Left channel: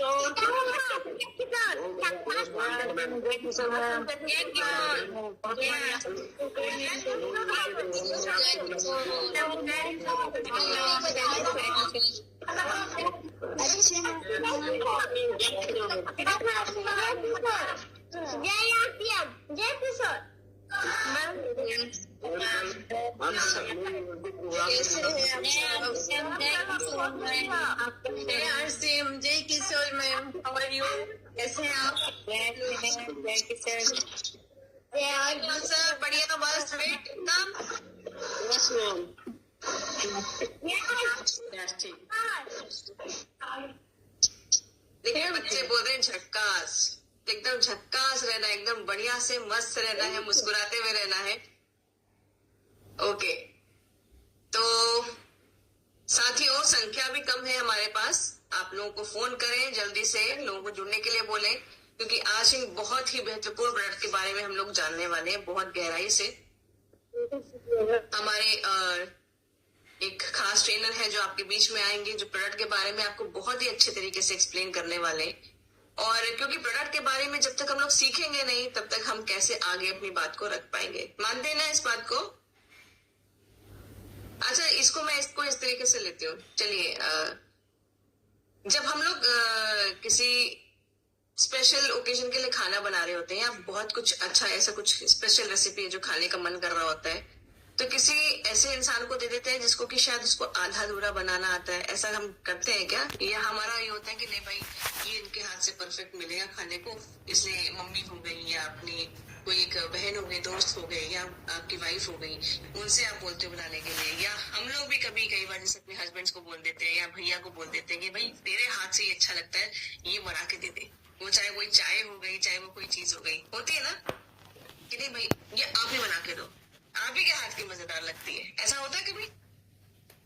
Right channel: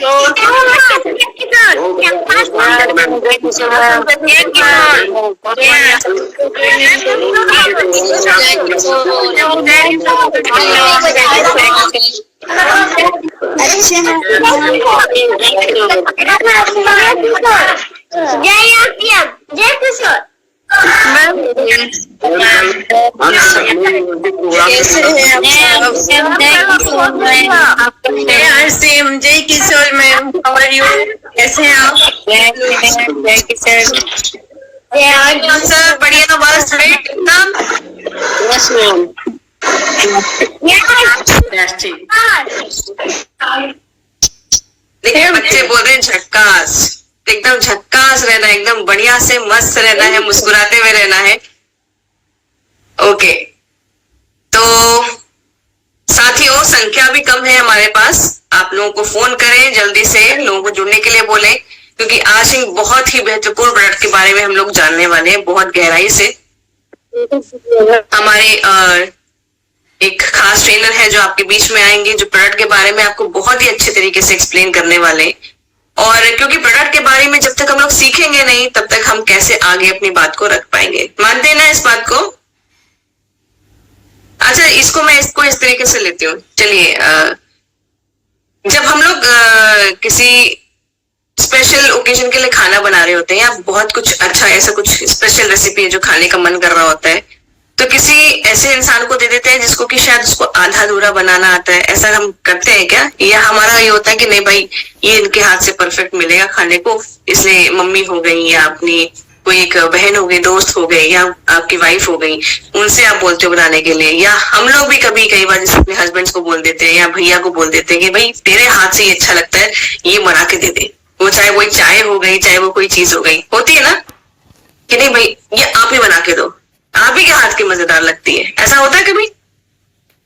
जय किशोर। जय Kishore ma'am, how are you? कैसे हैं आप? जय किशोर सर, बढ़िया, बस राइट एकदम। Yes ma'am. देखिए बच्चे बोल रहे हैं झक्कास, एकदम झक्कास रहना, एकदम बढ़िया से मस्त रहना है, मुस्कुराते हुए रहना है। ओके, तो साथियों संख्या भी कम है हमारे पास, आप लोगों को फोन करें, जल्दी से लोगों को जुड़ने के लिए बोलें, क्योंकि आज एक बहुत ही महत्वपूर्ण प्रोडक्ट के बारे में हम लोग जानने वाले हैं, बहुत गहराई से। हमारे एक खास ट्रेनर है जो आपके बीच में आएंगे, जो प्रोडक्ट के बारे में आपको बहुत ही अच्छे तरीके से एक्सप्लेन करने वाले हैं। और क्योंकि प्रोडक्ट के बारे में जब तक हम लोग सीखेंगे नहीं, तब तक हम कैसे आगे अपनी बात को रख पाएंगे। मानते हैं ना इस बात को? अच्छा, मैं इसको इस तरीके से लेती हूँ। चलिए, जब हम लोग किसी स्पेशल ओकेजन के लिए खाना बना रहे होते हैं, या बहुत कुछ अच्छा ऐसा कुछ स्पेशल रेसिपी है जो खाने का मन कर रहा होता है, तो किसी ऐसे इंसान को दे देते हैं जिसको कि शायद उसको आधा अधूरा बनाना आता है। ऐसा हम करते हैं क्या? या हमारा ये होता है कि नहीं भाई, ये इनके हाथ से परफेक्ट मिलेगा खाने को, इसलिए मम्मी हो गई या अपनी कोई एक बहन हो गई, दोस्त हो गई, या आपकी वाइफ हो गई, उनसे आप बोलते हो बनाने के लिए। या हम लोग भी कई बार जैसे अपने हस्बैंड्स को बोल देते हैं या भैया को बोल देते हैं कि भाई तेरे हाथ से ये अच्छा लगता है, ये बना के दे दे। वो चाहे वो चाय हो गई, चाहे वो कोई चीज हो गई, होती है ना कि नहीं भाई ये आप ही बना के दो, आप ही के हाथ की मजेदार लगती है। ऐसा होता है कभी?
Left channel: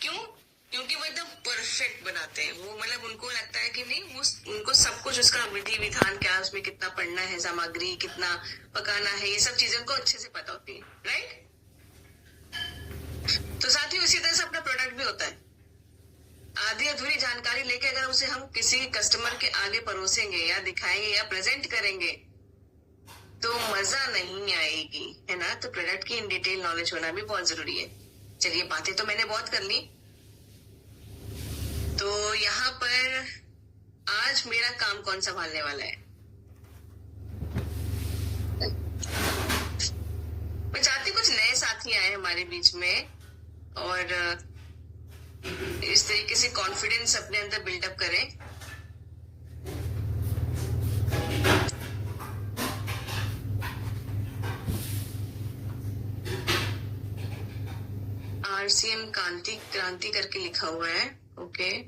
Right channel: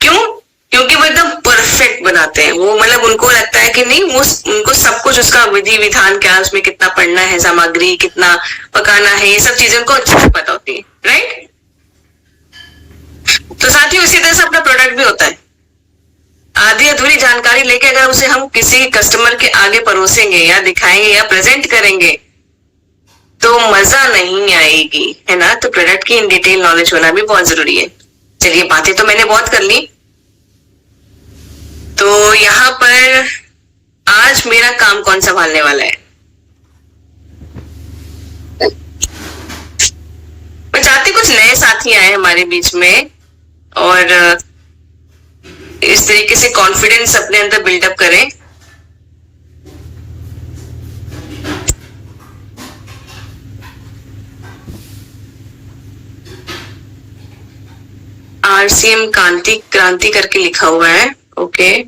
क्यों? क्योंकि वो एकदम परफेक्ट बनाते हैं। वो मतलब उनको लगता है कि नहीं, वो उनको सब कुछ, उसका विधि विधान क्या, उसमें कितना पड़ना है, सामग्री कितना पकाना है, ये सब चीजें उनको अच्छे से पता होती है, राइट? तो साथ ही उसी तरह से अपना प्रोडक्ट भी होता है। आधी अधूरी जानकारी लेके अगर उसे हम किसी कस्टमर के आगे परोसेंगे या दिखाएंगे या प्रेजेंट करेंगे तो मजा नहीं आएगी, है ना? तो प्रोडक्ट की इन डिटेल नॉलेज होना भी बहुत जरूरी है। चलिए, बातें तो मैंने बहुत कर ली, तो यहाँ पर आज मेरा काम कौन संभालने वाला है? मैं चाहती कुछ नए साथी आए हमारे बीच में और इस तरीके से कॉन्फिडेंस अपने अंदर बिल्डअप करें। RCM क्रांति करके लिखा हुआ है। ओके,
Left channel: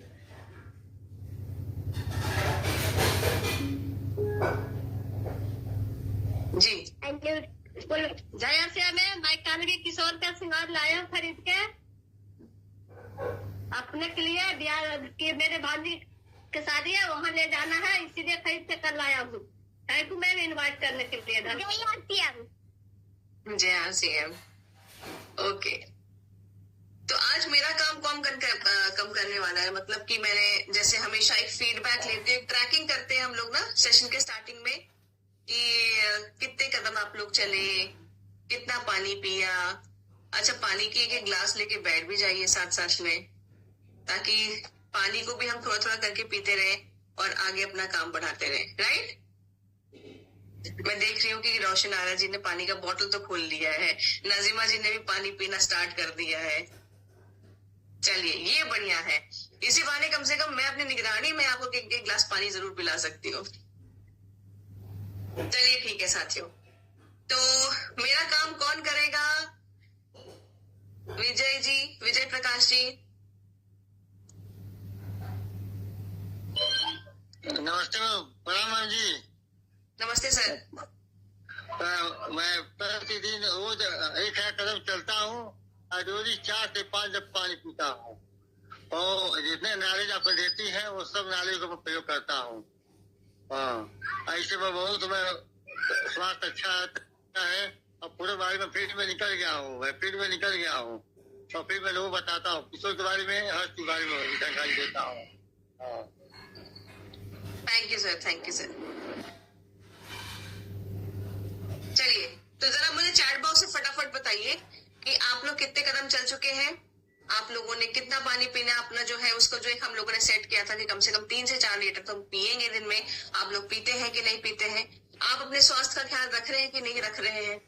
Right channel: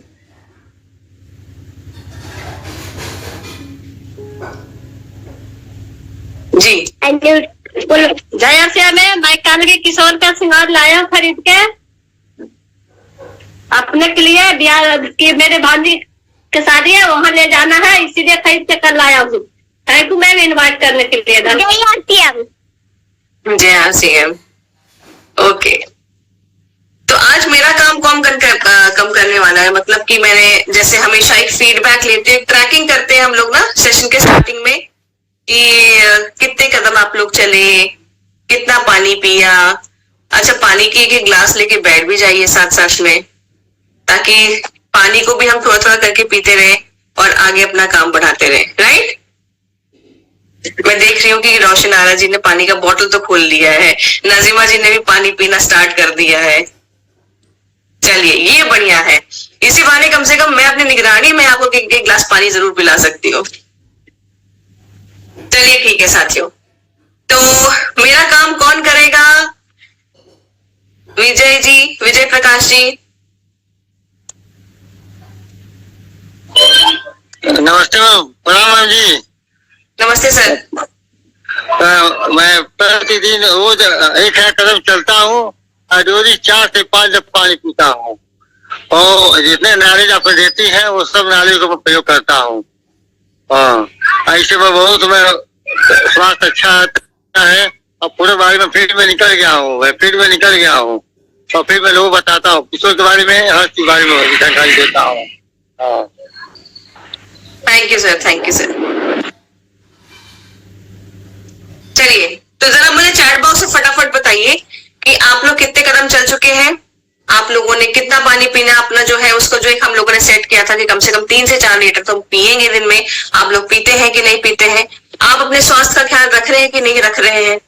जी जया से मैं कल के किशोर का श्रृंगार लाया खरीद के अपने के लिए, बिहार की मेरे भांजी की शादी है, वहाँ ले जाना है, इसीलिए खरीद के कल लाया हूँ। थैंक यू मैम इन्वाइट करने के लिए। जय RCM। ओके, तो आज मेरा काम कम करने वाला है। मतलब कि मैंने जैसे हमेशा एक फीडबैक लेते हैं, ट्रैकिंग करते हैं हम लोग ना सेशन के स्टार्टिंग में कि कितने कदम आप लोग चले, कितना पानी पिया। अच्छा, पानी की एक ग्लास लेके बैठ भी जाइए साथ साथ में, ताकि पानी को भी हम थोड़ा थोड़ा करके पीते रहे और आगे अपना काम बढ़ाते रहे, राइट? मैं देख रही हूँ कि रोशन आरा जी ने पानी का बोतल तो खोल लिया है, नाजिमा जी ने भी पानी पीना स्टार्ट कर दिया है। चलिए, ये बढ़िया है। इसी बहाने कम से कम मैं अपनी निगरानी में आपको एक गिलास पानी जरूर पिला सकती हूँ। चलिए ठीक है साथियों, तो मेरा काम कौन करेगा? विजय जी, विजय प्रकाश जी। नमस्ते मैम। प्रणाम मैम जी। नमस्ते सर। मैं प्रतिदिन रोज 1000 कदम चलता हूँ और रोज 4 से 5 जब पानी पीता हूँ, और जितने नॉलेज आप देती हैं वो सब नॉलेज को मैं प्रयोग करता हूँ। ऐसे में बहुत मैं स्वास्थ्य अच्छा है, और पूरे बारे में फील्ड में निकल गया हूँ, और फिर मैं लोगों को बताता हूँ किशोर के बारे में, हर चीज बारे में जानकारी देता हूँ। Thank you sir, thank you sir. चलिए, तो जरा मुझे चैट बॉक्स से फटाफट बताइए कि आप लोग कितने कदम चल चुके हैं, आप लोगों ने कितना पानी पीना अपना जो है उसको जो एक हम लोगों ने सेट किया था कि कम से कम 3 से 4 लीटर तो पिएंगे दिन में, आप लोग पीते हैं कि नहीं पीते हैं, आप अपने स्वास्थ्य का ख्याल रख रहे हैं कि नहीं रख रहे हैं,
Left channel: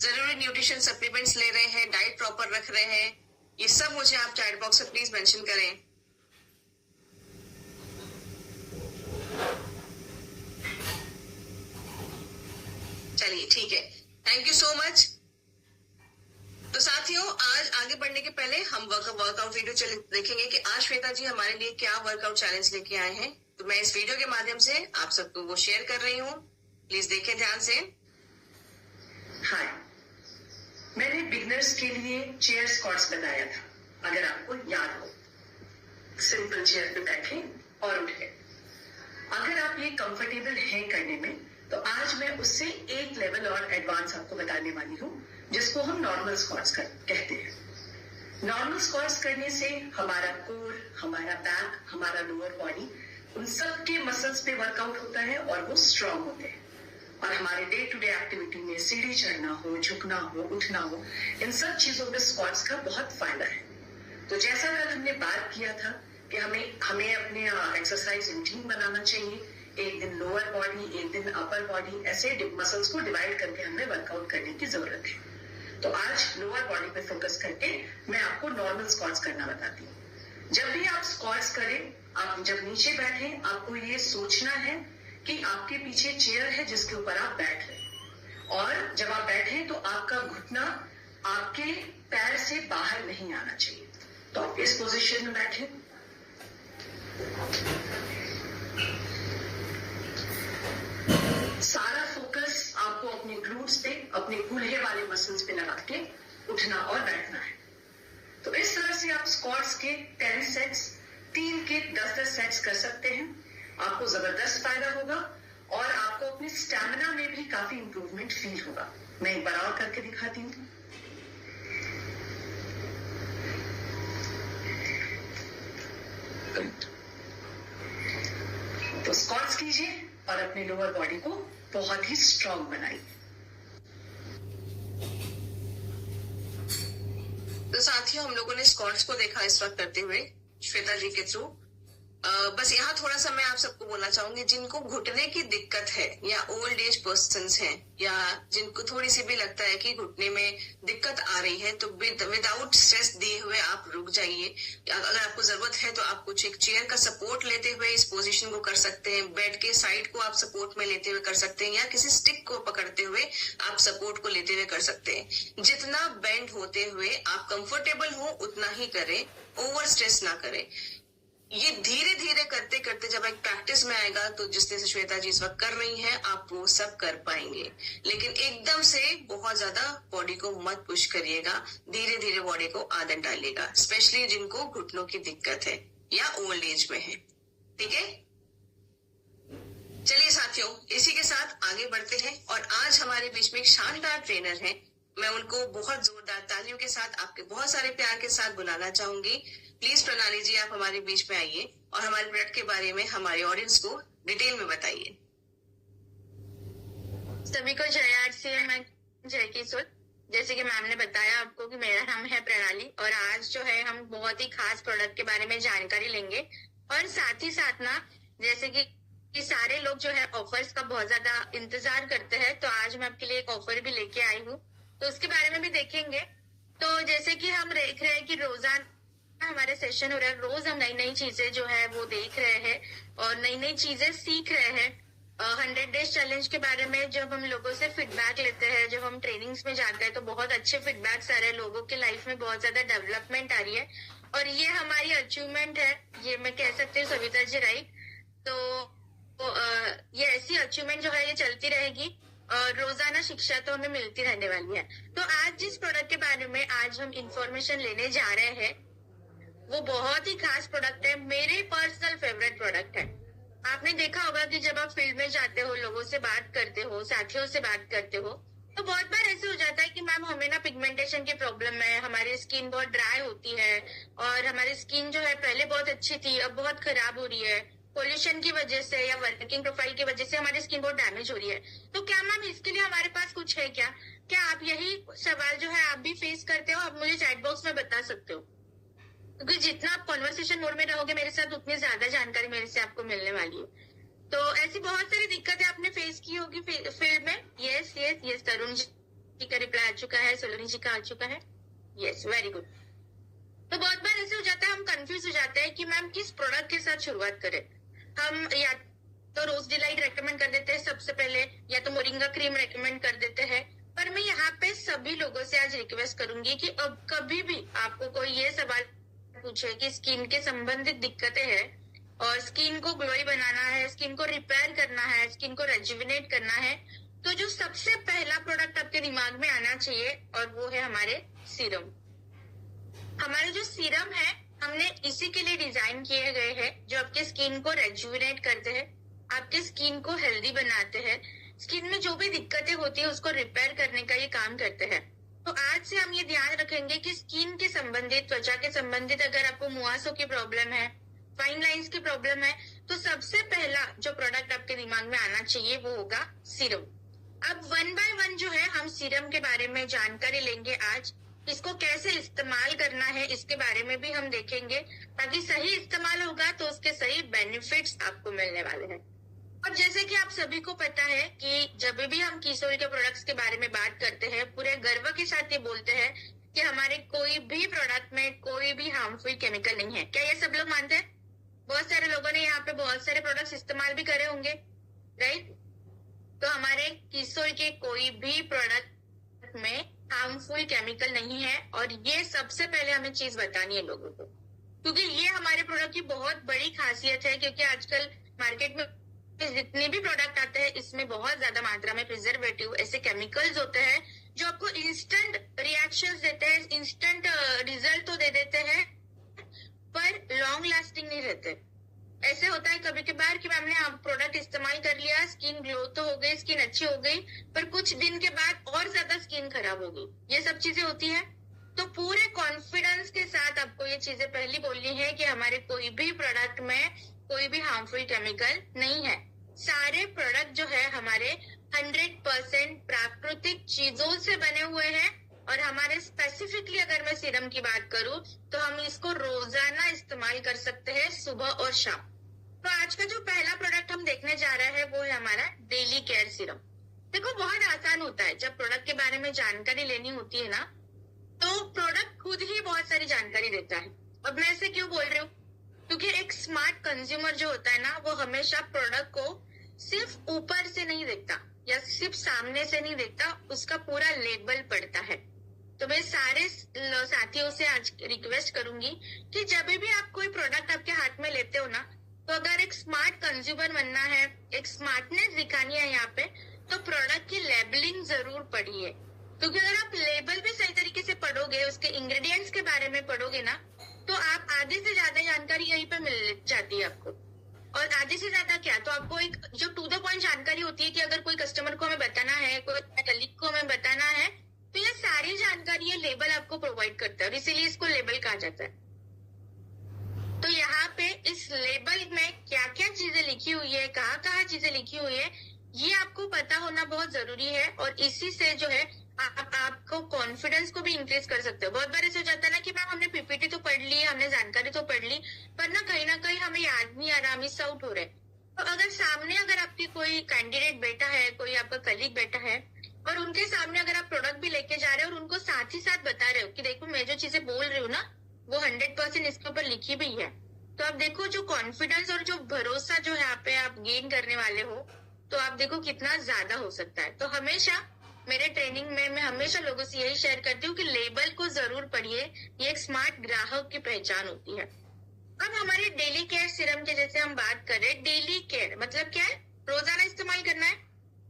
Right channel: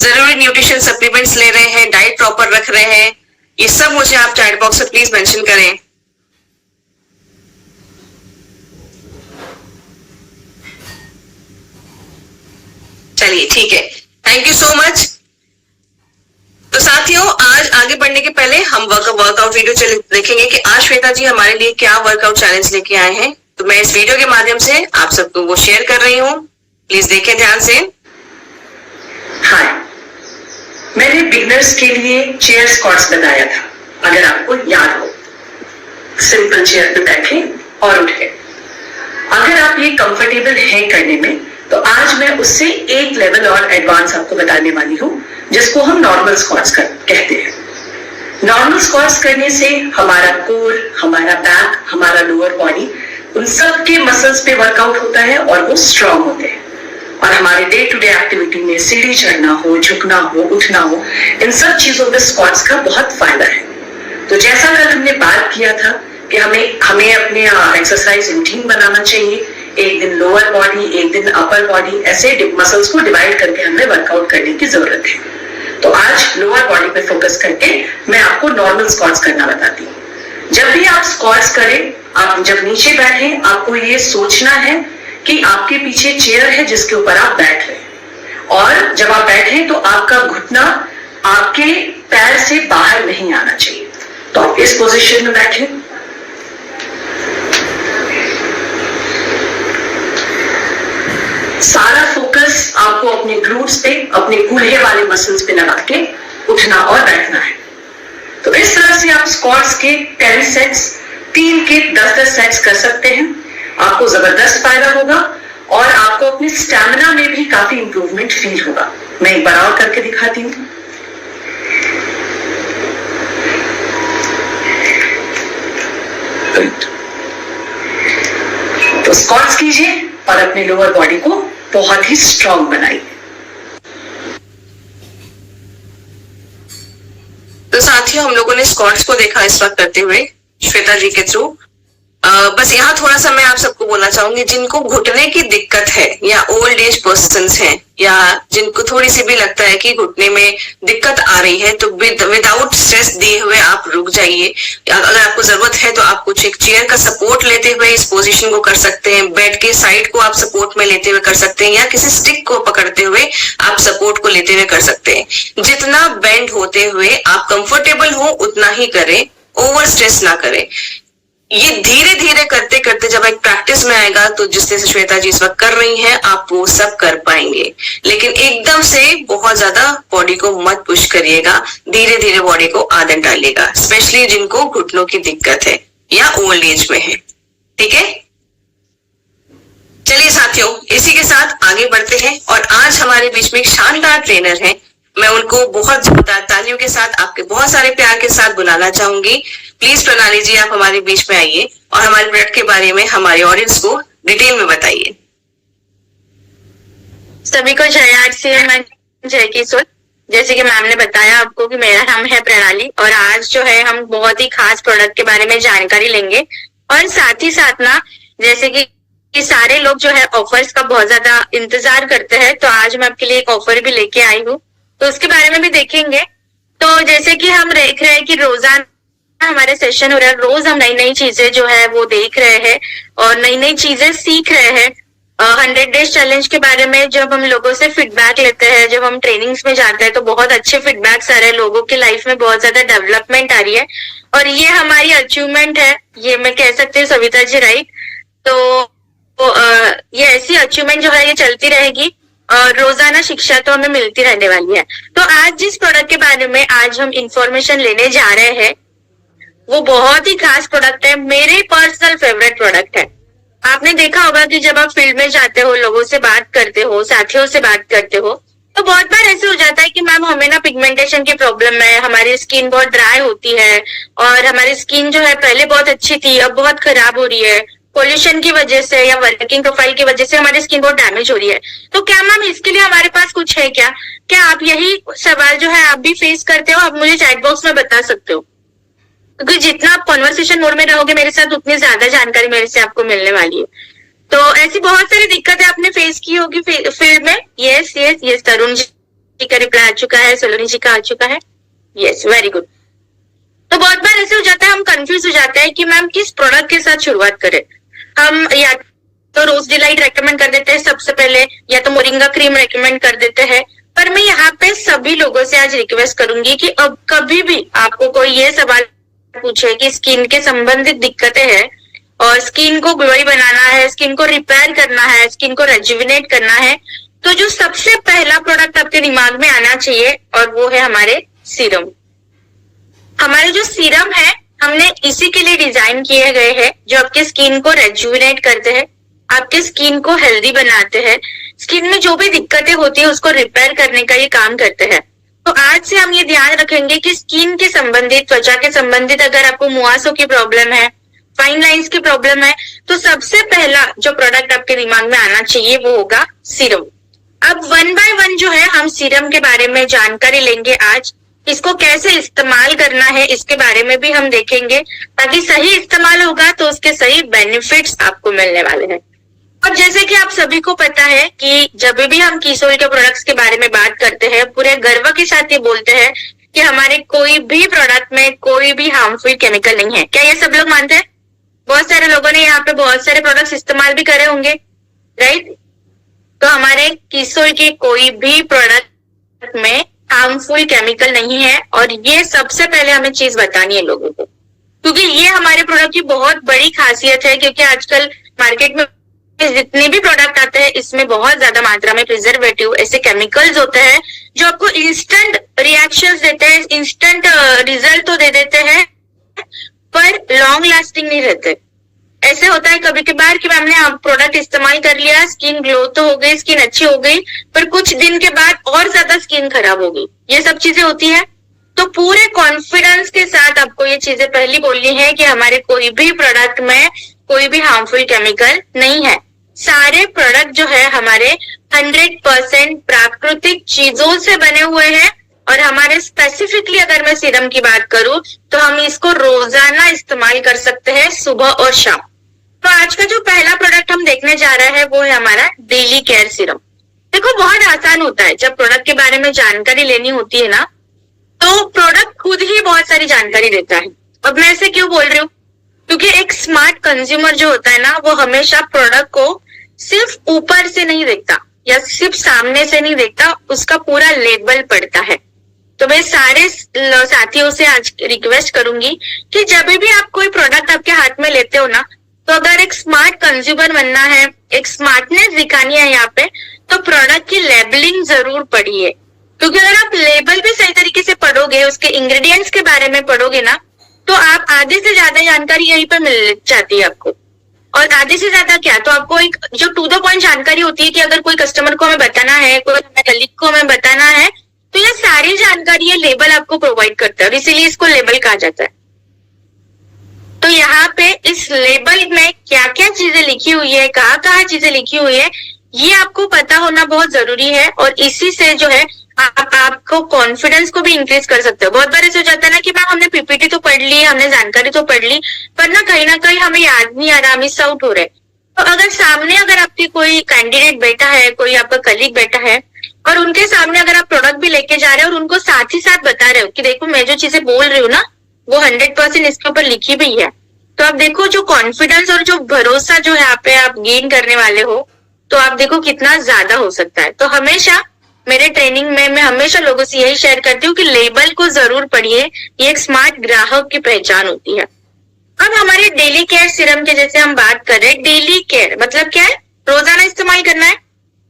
जरूरी न्यूट्रिशन सप्लीमेंट्स ले रहे हैं, डाइट प्रॉपर रख रहे हैं, ये सब मुझे आप चैट बॉक्स में प्लीज मेंशन करें। चलिए ठीक है, थैंक यू सो मच। तो साथियों, आज आगे बढ़ने के पहले हम वर्कआउट वीडियो देखेंगे कि आज श्वेता जी हमारे लिए क्या वर्कआउट चैलेंज लेके आए हैं। तो मैं इस वीडियो के माध्यम से आप सबको वो शेयर कर रही हूँ, प्लीज देखें ध्यान से। हाय, मैंने बिगनर्स के लिए चेयर स्क्वाट्स बताया था, अगर आपको याद हो। सिंपल चेयर पे बैठे और उठे। अगर आप ये कंफर्टेबल है करने में, तो आज मैं उससे एक लेवल और एडवांस आपको बताने वाली हूँ, जिसको हम नॉर्मल स्क्वाट्स कहते हैं। नॉर्मल स्क्वाट्स करने से हमारा कोर, हमारा बैक, हमारा लोअर बॉडी, उन सब के मसल्स पे वर्कआउट होता है और वो स्ट्रांग होते हैं। और हमारे डे टू डे एक्टिविटी में सीढ़ी चढ़ना हो, झुकना हो, उठना हो, इन सब चीजों में स्क्वाट्स का बहुत फायदा है। तो जैसा कल हमने बात किया था कि हमें अपने एक्सरसाइज रूटीन बनाना चाहिए, एक दिन लोअर बॉडी, एक दिन अपर बॉडी, ऐसे मसल्स को डिवाइड करके हमें वर्कआउट करने की जरूरत है। तो आज लोअर बॉडी पे फोकस करके मैं आपको नॉर्मल स्क्वाट्स करना बताती हूँ। जब भी आप स्क्वाट्स करें, आप जब नीचे बैठे, आपको ये सोचना है कि आपके पीछे चेयर है जिसके ऊपर आप बैठ रहे हैं, और जब आप बैठे तो आपका घुटना आपके पैर से बाहर नहीं आना चाहिए। तो आप इस पोजीशन में बैठे। सारा फोकस आपको अपने ग्लूट्स पे, अपने कूल्हे वाले मसल्स पे लगा के उठना और बैठना है। तो इस तरह से आप स्क्वाट्स के 10 सेट्स, 3 के 10-10 सेट्स कर सकते हैं। आपको जबरदस्त फायदा होगा और आपको अपनी स्टैमिना में भी काफी इंप्रूवमेंट फील होगा। मैं एक बार और करके दिखाती हूँ। तो स्क्वाट्स कीजिए और अपने लोअर बॉडी को बहुत ही स्ट्रांग बनाइए। तो साथियों, हम लोगों ने स्क्वाट्स को देखा इस वक्त करते हुए श्वेता जी के थ्रू। बस यहाँ थोड़ा सा मैं आप सबको बोलना चाहूंगी, जिनको घुटने की दिक्कत है या ओल्ड एज पर्सन्स हैं, या जिनको थोड़ी सी भी लगता है कि घुटने में दिक्कत आ रही है, तो विदाउट स्ट्रेस दिए हुए आप रुक जाइए। अगर आपको जरूरत है तो आप कुछ एक चेयर का सपोर्ट लेते हुए इस पोजीशन को कर सकते हैं, बेड के साइड को आप सपोर्ट में लेते हुए कर सकते हैं, या किसी स्टिक को पकड़ते हुए आप सपोर्ट को लेते हुए कर सकते हैं। जितना बेंड होते हुए आप कंफर्टेबल हो उतना ही करें, ओवर स्ट्रेस ना करें। ये धीरे धीरे करते करते जब एक प्रैक्टिस में आएगा, तो जिस तरह से श्वेता जी इस वक्त कर रही हैं, आप वो सब कर पाएंगे। लेकिन एकदम से बहुत ज्यादा बॉडी को मत पुश करिएगा, धीरे धीरे बॉडी को आदत डालिएगा, स्पेशली जिनको घुटनों की दिक्कत है या ओल्ड एज में है। ठीक है, चलिए साथियों, इसी के साथ आगे बढ़ते हैं। और आज हमारे बीच में एक शानदार ट्रेनर है, मैं उनको बहुत जोरदार तालियों के साथ, आपके बहुत सारे प्यार के साथ बुलाना चाहूंगी। प्लीज प्रणाली जी, आप हमारे बीच में आइए और हमारे प्रोडक्ट के बारे में हमारे ऑडियंस को डिटेल में बताइए। सभी को जय आर, जय किशोर। जैसे कि मैम ने बताया आपको कि मेरा नाम है प्रणाली, और आज जो है हम बहुत ही खास प्रोडक्ट के बारे में जानकारी लेंगे। और साथ ही साथ ना, जैसे कि सारे लोग जो है ऑफर्स का बहुत ज्यादा इंतजार करते हैं, तो आज मैं आपके लिए एक ऑफर भी लेके आई हूँ, तो उसके बारे में भी देखेंगे। तो जैसे कि हम देख रहे हैं कि रोजाना हमारे सेशन हो रहा है, रोज हम नई नई चीजें जो है वो देख रहे हैं और नई नई चीजें सीख रहे हैं। 100 डेज चैलेंज के बारे में जब हम लोगों से फीडबैक लेते हैं, जब हम ट्रेनिंग्स में जाते हैं, तो बहुत अच्छे फीडबैक्स आ रहे हैं, लोगों की लाइफ में बहुत ज्यादा डेवलपमेंट आ रही है, और ये हमारी अचीवमेंट है, ये मैं कह सकती हूँ सविता जी, राइट। तो ये ऐसी अचीवमेंट जो है ये चलती रहेगी और रोजाना शिक्षा तो हमें मिलती रहने वाली है। तो आज जिस प्रोडक्ट के बारे में आज हम इंफॉर्मेशन लेने जा रहे हैं, वो बहुत ही खास प्रोडक्ट है, मेरे पर्सनल फेवरेट प्रोडक्ट है। आपने देखा होगा कि जब आप फील्ड में जाते हो, लोगों से बात करते हो, साथियों से बात करते हो, तो बहुत बार ऐसे हो जाता है कि मैम हमें ना पिगमेंटेशन की प्रॉब्लम है, हमारी स्किन बहुत ड्राई होती है, और हमारी स्किन जो है पहले बहुत अच्छी थी, अब बहुत खराब हो रही है, पोल्यूशन की वजह से या वर्किंग प्रोफाइल की वजह से हमारी स्किन बहुत डैमेज हो रही है। तो क्या मैम इसके लिए हमारे पास कुछ है क्या? क्या आप यही सवाल जो है आप भी फेस करते हो? आप मुझे चैट बॉक्स में बता सकते हो, क्योंकि जितना आप कॉन्वर्सेशन मोड में रहोगे मेरे साथ उतनी ज्यादा जानकारी मेरे से आपको मिलने वाली है। तो ऐसी बहुत सारी दिक्कतें आपने फेस की होगी फील्ड में। Yes yes yes, Tarun ji का रिप्लाई आ चुका है, सोलोनी जी का आ चुका है। Yes, very good. तो बहुत बार ऐसे हो जाता है, हम कंफ्यूज हो जाते हैं कि मैम किस प्रोडक्ट के साथ शुरुआत करें। हम या तो रोज डिलाइट रेकमेंड कर देते हैं सबसे पहले, या तो मोरिंगा क्रीम रेकमेंड कर देते हैं। पर मैं यहाँ पे सभी लोगों से आज रिक्वेस्ट करूंगी कि अब कभी भी आपको कोई ये सवाल पूछे कि स्किन के संबंधित दिक्कतें हैं और स्किन को ग्लोई बनाना है, स्किन को रिपेयर करना है, स्किन को रेजुविनेट करना है, तो जो सबसे पहला प्रोडक्ट आपके दिमाग में आना चाहिए और वो है हमारे सीरम। हमारे जो सीरम है हमने इसी के लिए डिजाइन किए गए हैं, जो आपके स्किन को रेजुविनेट करते हैं, आपके स्किन को हेल्दी बनाते हैं, स्किन में जो भी दिक्कतें होती है उसको रिपेयर करने का ये काम करते हैं। तो आज से हम ये ध्यान रखेंगे कि स्किन के संबंधित, त्वचा के संबंधित अगर आपको मुहासों की प्रॉब्लम है, फाइन लाइंस की प्रॉब्लम है, तो सबसे पहला जो प्रोडक्ट आपके दिमाग में आना चाहिए वो होगा सीरम। अब 1 बाय 1 जो है हम सीरम के बारे में जानकारी लेंगे आज। इसको कैसे इस्तेमाल करना है इसके बारे में भी हम देखेंगे, ताकि सही इस्तेमाल होगा तो उसके सही बेनिफिट्स आपको मिलने वाले हैं। और जैसे कि आप सभी को पता है कि जब भी हम कीसोल के प्रोडक्ट्स के बारे में बात करते हैं, पूरे गर्व के साथ ये बोलते हैं कि हमारे कोई भी प्रोडक्ट में कोई भी हार्मफुल केमिकल नहीं है। क्या ये सब लोग मानते हैं? बहुत सारे लोगों ने यहाँ पे बहुत सारे प्रोडक्ट्स इस्तेमाल भी करे होंगे, राइट? तो हमारे कीसोल के कोई भी प्रोडक्ट में हार्मफुल केमिकल नहीं है, और ये सबसे पहले हमें चीज बतानी है लोगों को, क्योंकि ये हमारे प्रोडक्ट की बहुत बड़ी खासियत है। क्योंकि आजकल मार्केट में जितने भी प्रोडक्ट आते हैं इसमें बहुत ज्यादा मात्रा में प्रिजर्वेटिव, ऐसे केमिकल्स होते हैं जो आपको इंस्टेंट रिएक्शंस देते हैं, इंस्टेंट रिजल्ट तो दे देते हैं, पर लॉन्ग लास्टिंग नहीं रहते। ऐसे होता है कभी कभार कि हमने प्रोडक्ट इस्तेमाल कर लिया, स्किन ग्लो तो हो गई, स्किन अच्छी हो गई, पर कुछ दिन के बाद और ज्यादा स्किन खराब हो गई। ये सब चीजें होती है। तो पूरे कॉन्फिडेंस के साथ आपको ये चीजें पहली बोलनी है कि हमारे कोई भी प्रोडक्ट में कोई भी हार्मफुल केमिकल नहीं है। सारे प्रोडक्ट जो है हमारे 100% प्राकृतिक चीजों से बने हुए हैं, और हमारे स्पेसिफिकली अगर मैं सीरम की बात करूं तो हम इसको रोजाना इस्तेमाल कर सकते हैं, सुबह और शाम। तो आज का जो पहला प्रोडक्ट हम देखने जा रहे हैं वो है हमारा डेली केयर सीरम। देखो बहुत आसान होता है, जब प्रोडक्ट के बारे में जानकारी लेनी होती है ना, तो प्रोडक्ट खुद ही बहुत सारी जानकारी देता है। अब मैं ऐसे क्यों बोल रही हूँ? क्योंकि एक स्मार्ट कंज्यूमर जो होता है ना, वो हमेशा प्रोडक्ट को सिर्फ ऊपर से नहीं देखता या सिर्फ सामने से नहीं देखता, उसका पूरा लेबल पढ़ता है। तो मैं सारे साथियों से आज रिक्वेस्ट करूंगी कि जब भी आप कोई प्रोडक्ट आपके हाथ में लेते हो ना, तो अगर एक स्मार्ट कंज्यूमर बनना है, एक स्मार्टनेस दिखानी है यहाँ पे, तो प्रोडक्ट की लेबलिंग जरूर पढ़िए। क्योंकि अगर आप लेबल भी सही तरीके से पढ़ोगे, उसके इंग्रेडिएंट्स के बारे में पढ़ोगे ना, तो आप आधे से ज्यादा जानकारी यहीं पे मिल जाती है आपको। और आधे से ज्यादा क्या, तो आपको एक जो टू द पॉइंट जानकारी होती है कि अगर कोई कस्टमर को हमें बताना है, कोई कलीग को हमें बताना है, तो ये सारी जानकारी ये लेबल आपको प्रोवाइड करता है, और इसीलिए इसको लेबल कहा जाता है। तो यहाँ पे इस लेबल में क्या क्या चीजें लिखी हुई है, कहाँ कहाँ चीजें लिखी हुई है, ये आपको पता होना बहुत जरूरी है। और इसी से जो है आपको कॉन्फिडेंस को भी इंक्रीज कर सकते हो। बहुत बार ऐसे हो जाता है ना कि मैम हमने पीपीटी तो पढ़ ली, हमने जानकारी तो पढ़ ली, पर ना कहीं हमें याद नहीं आ रहा, मिस आउट हो रहे। तो अगर सामने अगर आपकी कोई कैंडिडेट बैठा है, कोई आपका कलीग बैठा है, और उनके सामने अगर आप प्रोडक्ट भी लेके जा रहे हो और उनको साथ ही साथ बता रहे हो कि देखो मैं जो चीजें बोल रही हूँ ना, वो 100% इसके ऊपर लिखी भी है, तो आप देखो जो कॉन्फिडेंस और जो भरोसा जो यहाँ पे आप गेन करने वाले हो, तो आप देखो कितना ज्यादा हो सकता है। तो हमेशा मेरे ट्रेनिंग में मैं हमेशा लोगों से यही शेयर करती हूँ कि लेबल को जरूर पढ़िए, ये एक स्मार्ट ग्राहक की पहचान होती है। अब हमारे डेली केयर सीरम के जैसे हम बात कर रहे हैं, डेली केयर मतलब क्या है? रोजाना इस्तेमाल करना है,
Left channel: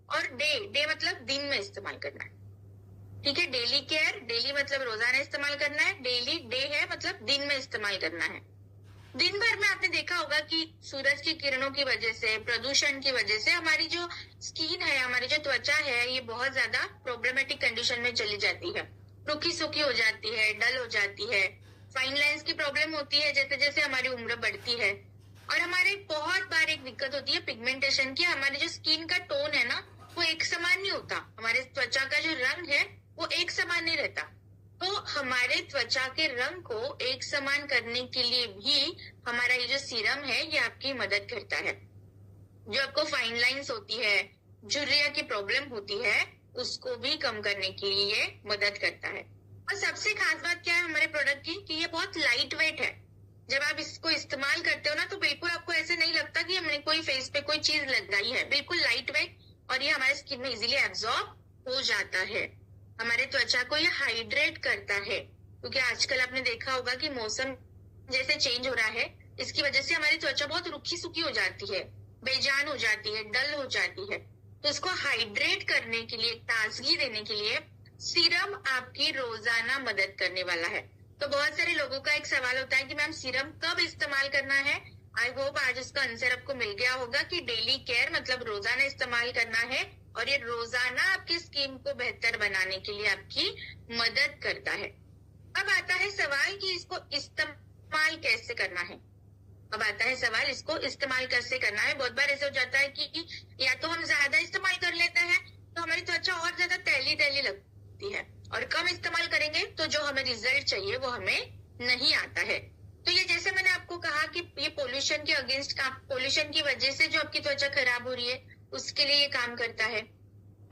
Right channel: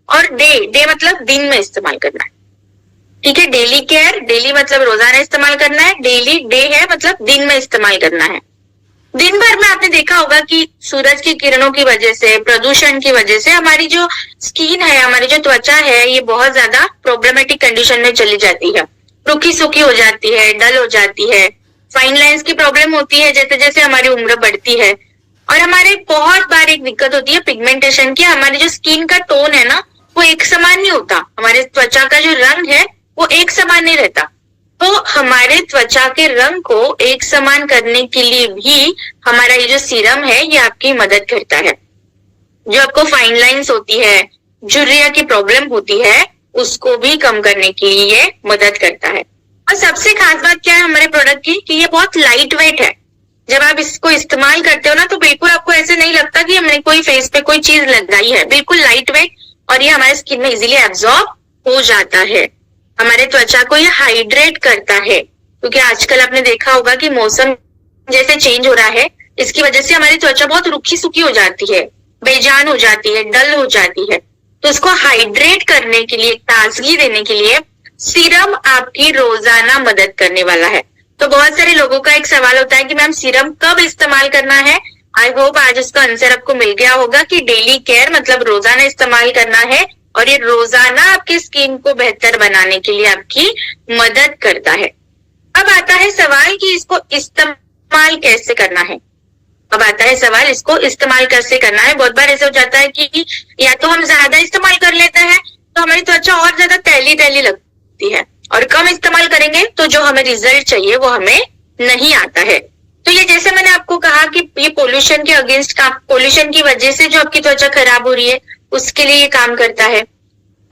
और डे मतलब दिन में इस्तेमाल करना है। ठीक है, डेली केयर, डेली मतलब रोजाना इस्तेमाल करना है, डेली डे है मतलब दिन में इस्तेमाल करना है। दिन भर में आपने देखा होगा कि सूरज की किरणों की वजह से, प्रदूषण की वजह से हमारी जो स्किन है, हमारी जो त्वचा है, ये बहुत ज्यादा प्रॉब्लमेटिक कंडीशन में चली जाती है, रुखी सूखी हो जाती है, डल हो जाती है, फाइन लाइंस की प्रॉब्लम होती है जैसे जैसे हमारी उम्र बढ़ती है। और हमारे बहुत बार एक दिक्कत होती है पिगमेंटेशन की, हमारी जो स्किन का टोन है ना वो एक समान नहीं होता, हमारे त्वचा का जो रंग है वो एक समान नहीं रहता। तो हमारे त्वचा के रंग को एक समान करने के लिए भी हमारा ये जो सीरम है ये आपकी मदद करता है। जो आपको फाइन लाइंस होती है, झुर्रिया की प्रॉब्लम होती है, उसको भी कम करने के लिए ये मदद करता है। और सबसे खास बात क्या है हमारे प्रोडक्ट की कि ये बहुत लाइट वेट है। जब आप इसको इस्तेमाल करते हो ना तो बिल्कुल आपको ऐसे नहीं लगता कि हमने कोई फेस पे कोई चीज लगाई है, बिल्कुल लाइट वेट, और ये हमारे स्किन में इजीली एब्जॉर्ब हो जाता है। हमारे त्वचा को ये हाइड्रेट करता है, क्योंकि आजकल आपने देखा होगा कि मौसम जैसे चेंज हो रहा है, इसकी वजह से हमारी त्वचा बहुत रुखी सुखी हो जाती है, बेजान हो जाती है, डल हो जाती है। तो इसको हाइड्रेट करने के लिए, ताजगी देने के लिए सीरम आपकी रोजाना मदद करने वाला है। तो बहुत सारे लोगों का एक सवाल होता है कि मैम सीरम कब इस्तेमाल करना है। आई होप आज इसका आंसर आपको मिल गया होगा कि डेली केयर मतलब रोजाना इस्तेमाल करना है, और ये रोजाना आपकी स्किन को बेहतर बनाने के लिए आपकी मदद करता है। अब आता है सवाल कि इसको इस्तेमाल कैसे करना है। अब आता है सवाल इसको इस्तेमाल कैसे करना है। बहुत बार ऐसा हो जाता है कि या तो हम ज्यादा इस्तेमाल कर लेते हैं तो हमारी त्वचा और ज्यादा तैली तैली लगती है, और कम इस्तेमाल करेंगे तो जो हमें रिजल्ट चाहिए वो हमें नहीं आता है। तो ये जैसे मैंने आपको कहा कि ये पोल्यूशन के अगेंस्ट काम, पोल्यूशन की वजह से जो आपकी त्वचा खराब हो रही है उसके लिए ये काम करता है।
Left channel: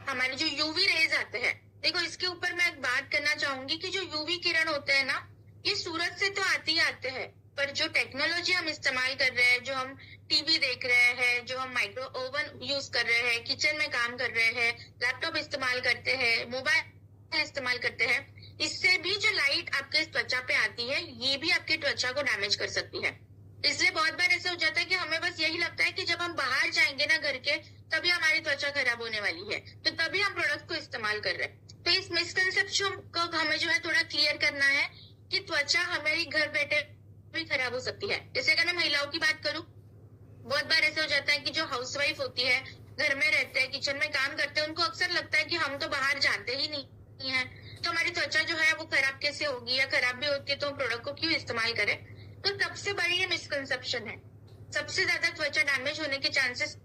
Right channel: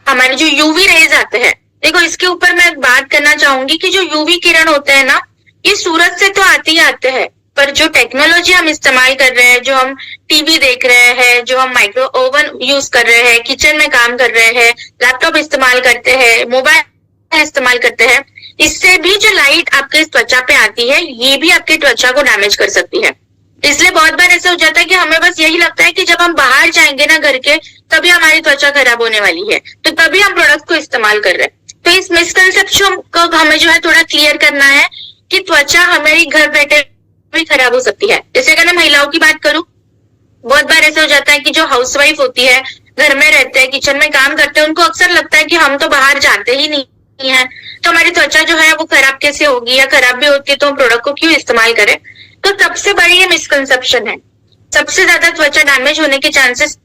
हमारे जो यूवी रेज आते हैं, देखो इसके ऊपर मैं बात करना चाहूंगी कि जो यूवी किरण होते हैं ना ये सूरज से तो आते ही आते हैं, पर जो टेक्नोलॉजी हम इस्तेमाल कर रहे हैं, जो हम टीवी देख रहे हैं, जो हम माइक्रो ओवन यूज कर रहे हैं, किचन में काम कर रहे हैं, लैपटॉप इस्तेमाल करते हैं, मोबाइल इस्तेमाल करते हैं, इससे भी जो लाइट आपके त्वचा पे आती है ये भी आपकी त्वचा को डैमेज कर सकती है। इसलिए बहुत बार ऐसा हो जाता है कि हमें बस यही लगता है कि जब हम बाहर जाएंगे ना घर के तभी हमारी त्वचा खराब होने वाली है, तो तभी हम प्रोडक्ट को इस्तेमाल कर रहे हैं। तो इस मिसकंसेप्शन को हमें जो है थोड़ा क्लियर करना है कि त्वचा हमारी घर बैठे भी खराब हो सकती है। जैसे अगर मैं महिलाओं की बात करूं, बहुत बार ऐसा हो जाता है कि जो हाउसवाइफ होती है, घर में रहते हैं, किचन में काम करते हैं, उनको अक्सर लगता है कि हम तो बाहर जाते ही नहीं है, तो हमारी त्वचा जो है वो खराब कैसे होगी, या खराब भी होती है तो हम प्रोडक्ट को क्यों इस्तेमाल करें। तो सबसे बड़ी ये मिसकंसेप्शन है। सबसे ज्यादा त्वचा डैमेज होने के चांसेस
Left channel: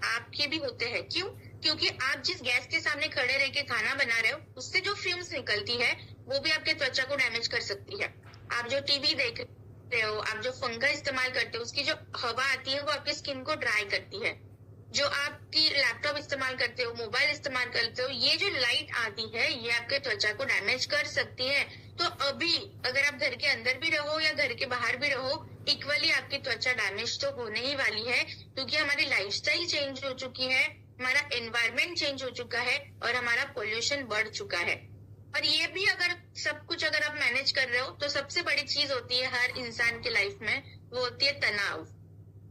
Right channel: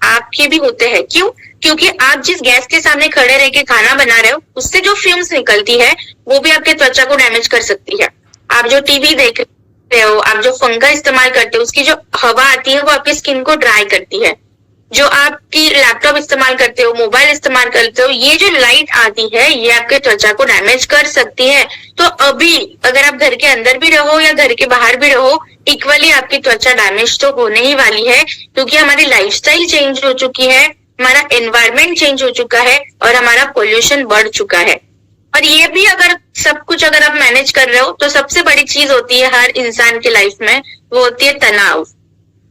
आपके भी होते हैं। क्यों? क्योंकि आप जिस गैस के सामने खड़े रह के खाना बना रहे हो उससे जो फ्यूम्स निकलती है वो भी आपके त्वचा को डैमेज कर सकती है। आप जो टीवी देख रहे हो, आप जो फंगा इस्तेमाल करते हो, उसकी जो हवा आती है वो आपकी स्किन को ड्राई करती है। जो आपकी लैपटॉप इस्तेमाल करते हो, मोबाइल इस्तेमाल करते हो, ये जो लाइट आती है ये आपके त्वचा को डैमेज कर सकती है। तो अभी अगर आप घर के अंदर भी रहो या घर के बाहर भी रहो, इक्वली आपकी त्वचा डैमेज तो होने ही वाली है, क्योंकि हमारी लाइफस्टाइल चेंज हो चुकी है, हमारा एनवायरमेंट चेंज हो चुका है और हमारा पोल्यूशन बढ़ चुका है। और ये भी अगर सब कुछ अगर आप मैनेज कर रहे हो तो सबसे बड़ी चीज होती है हर इंसान की लाइफ में, वो होती है तनाव।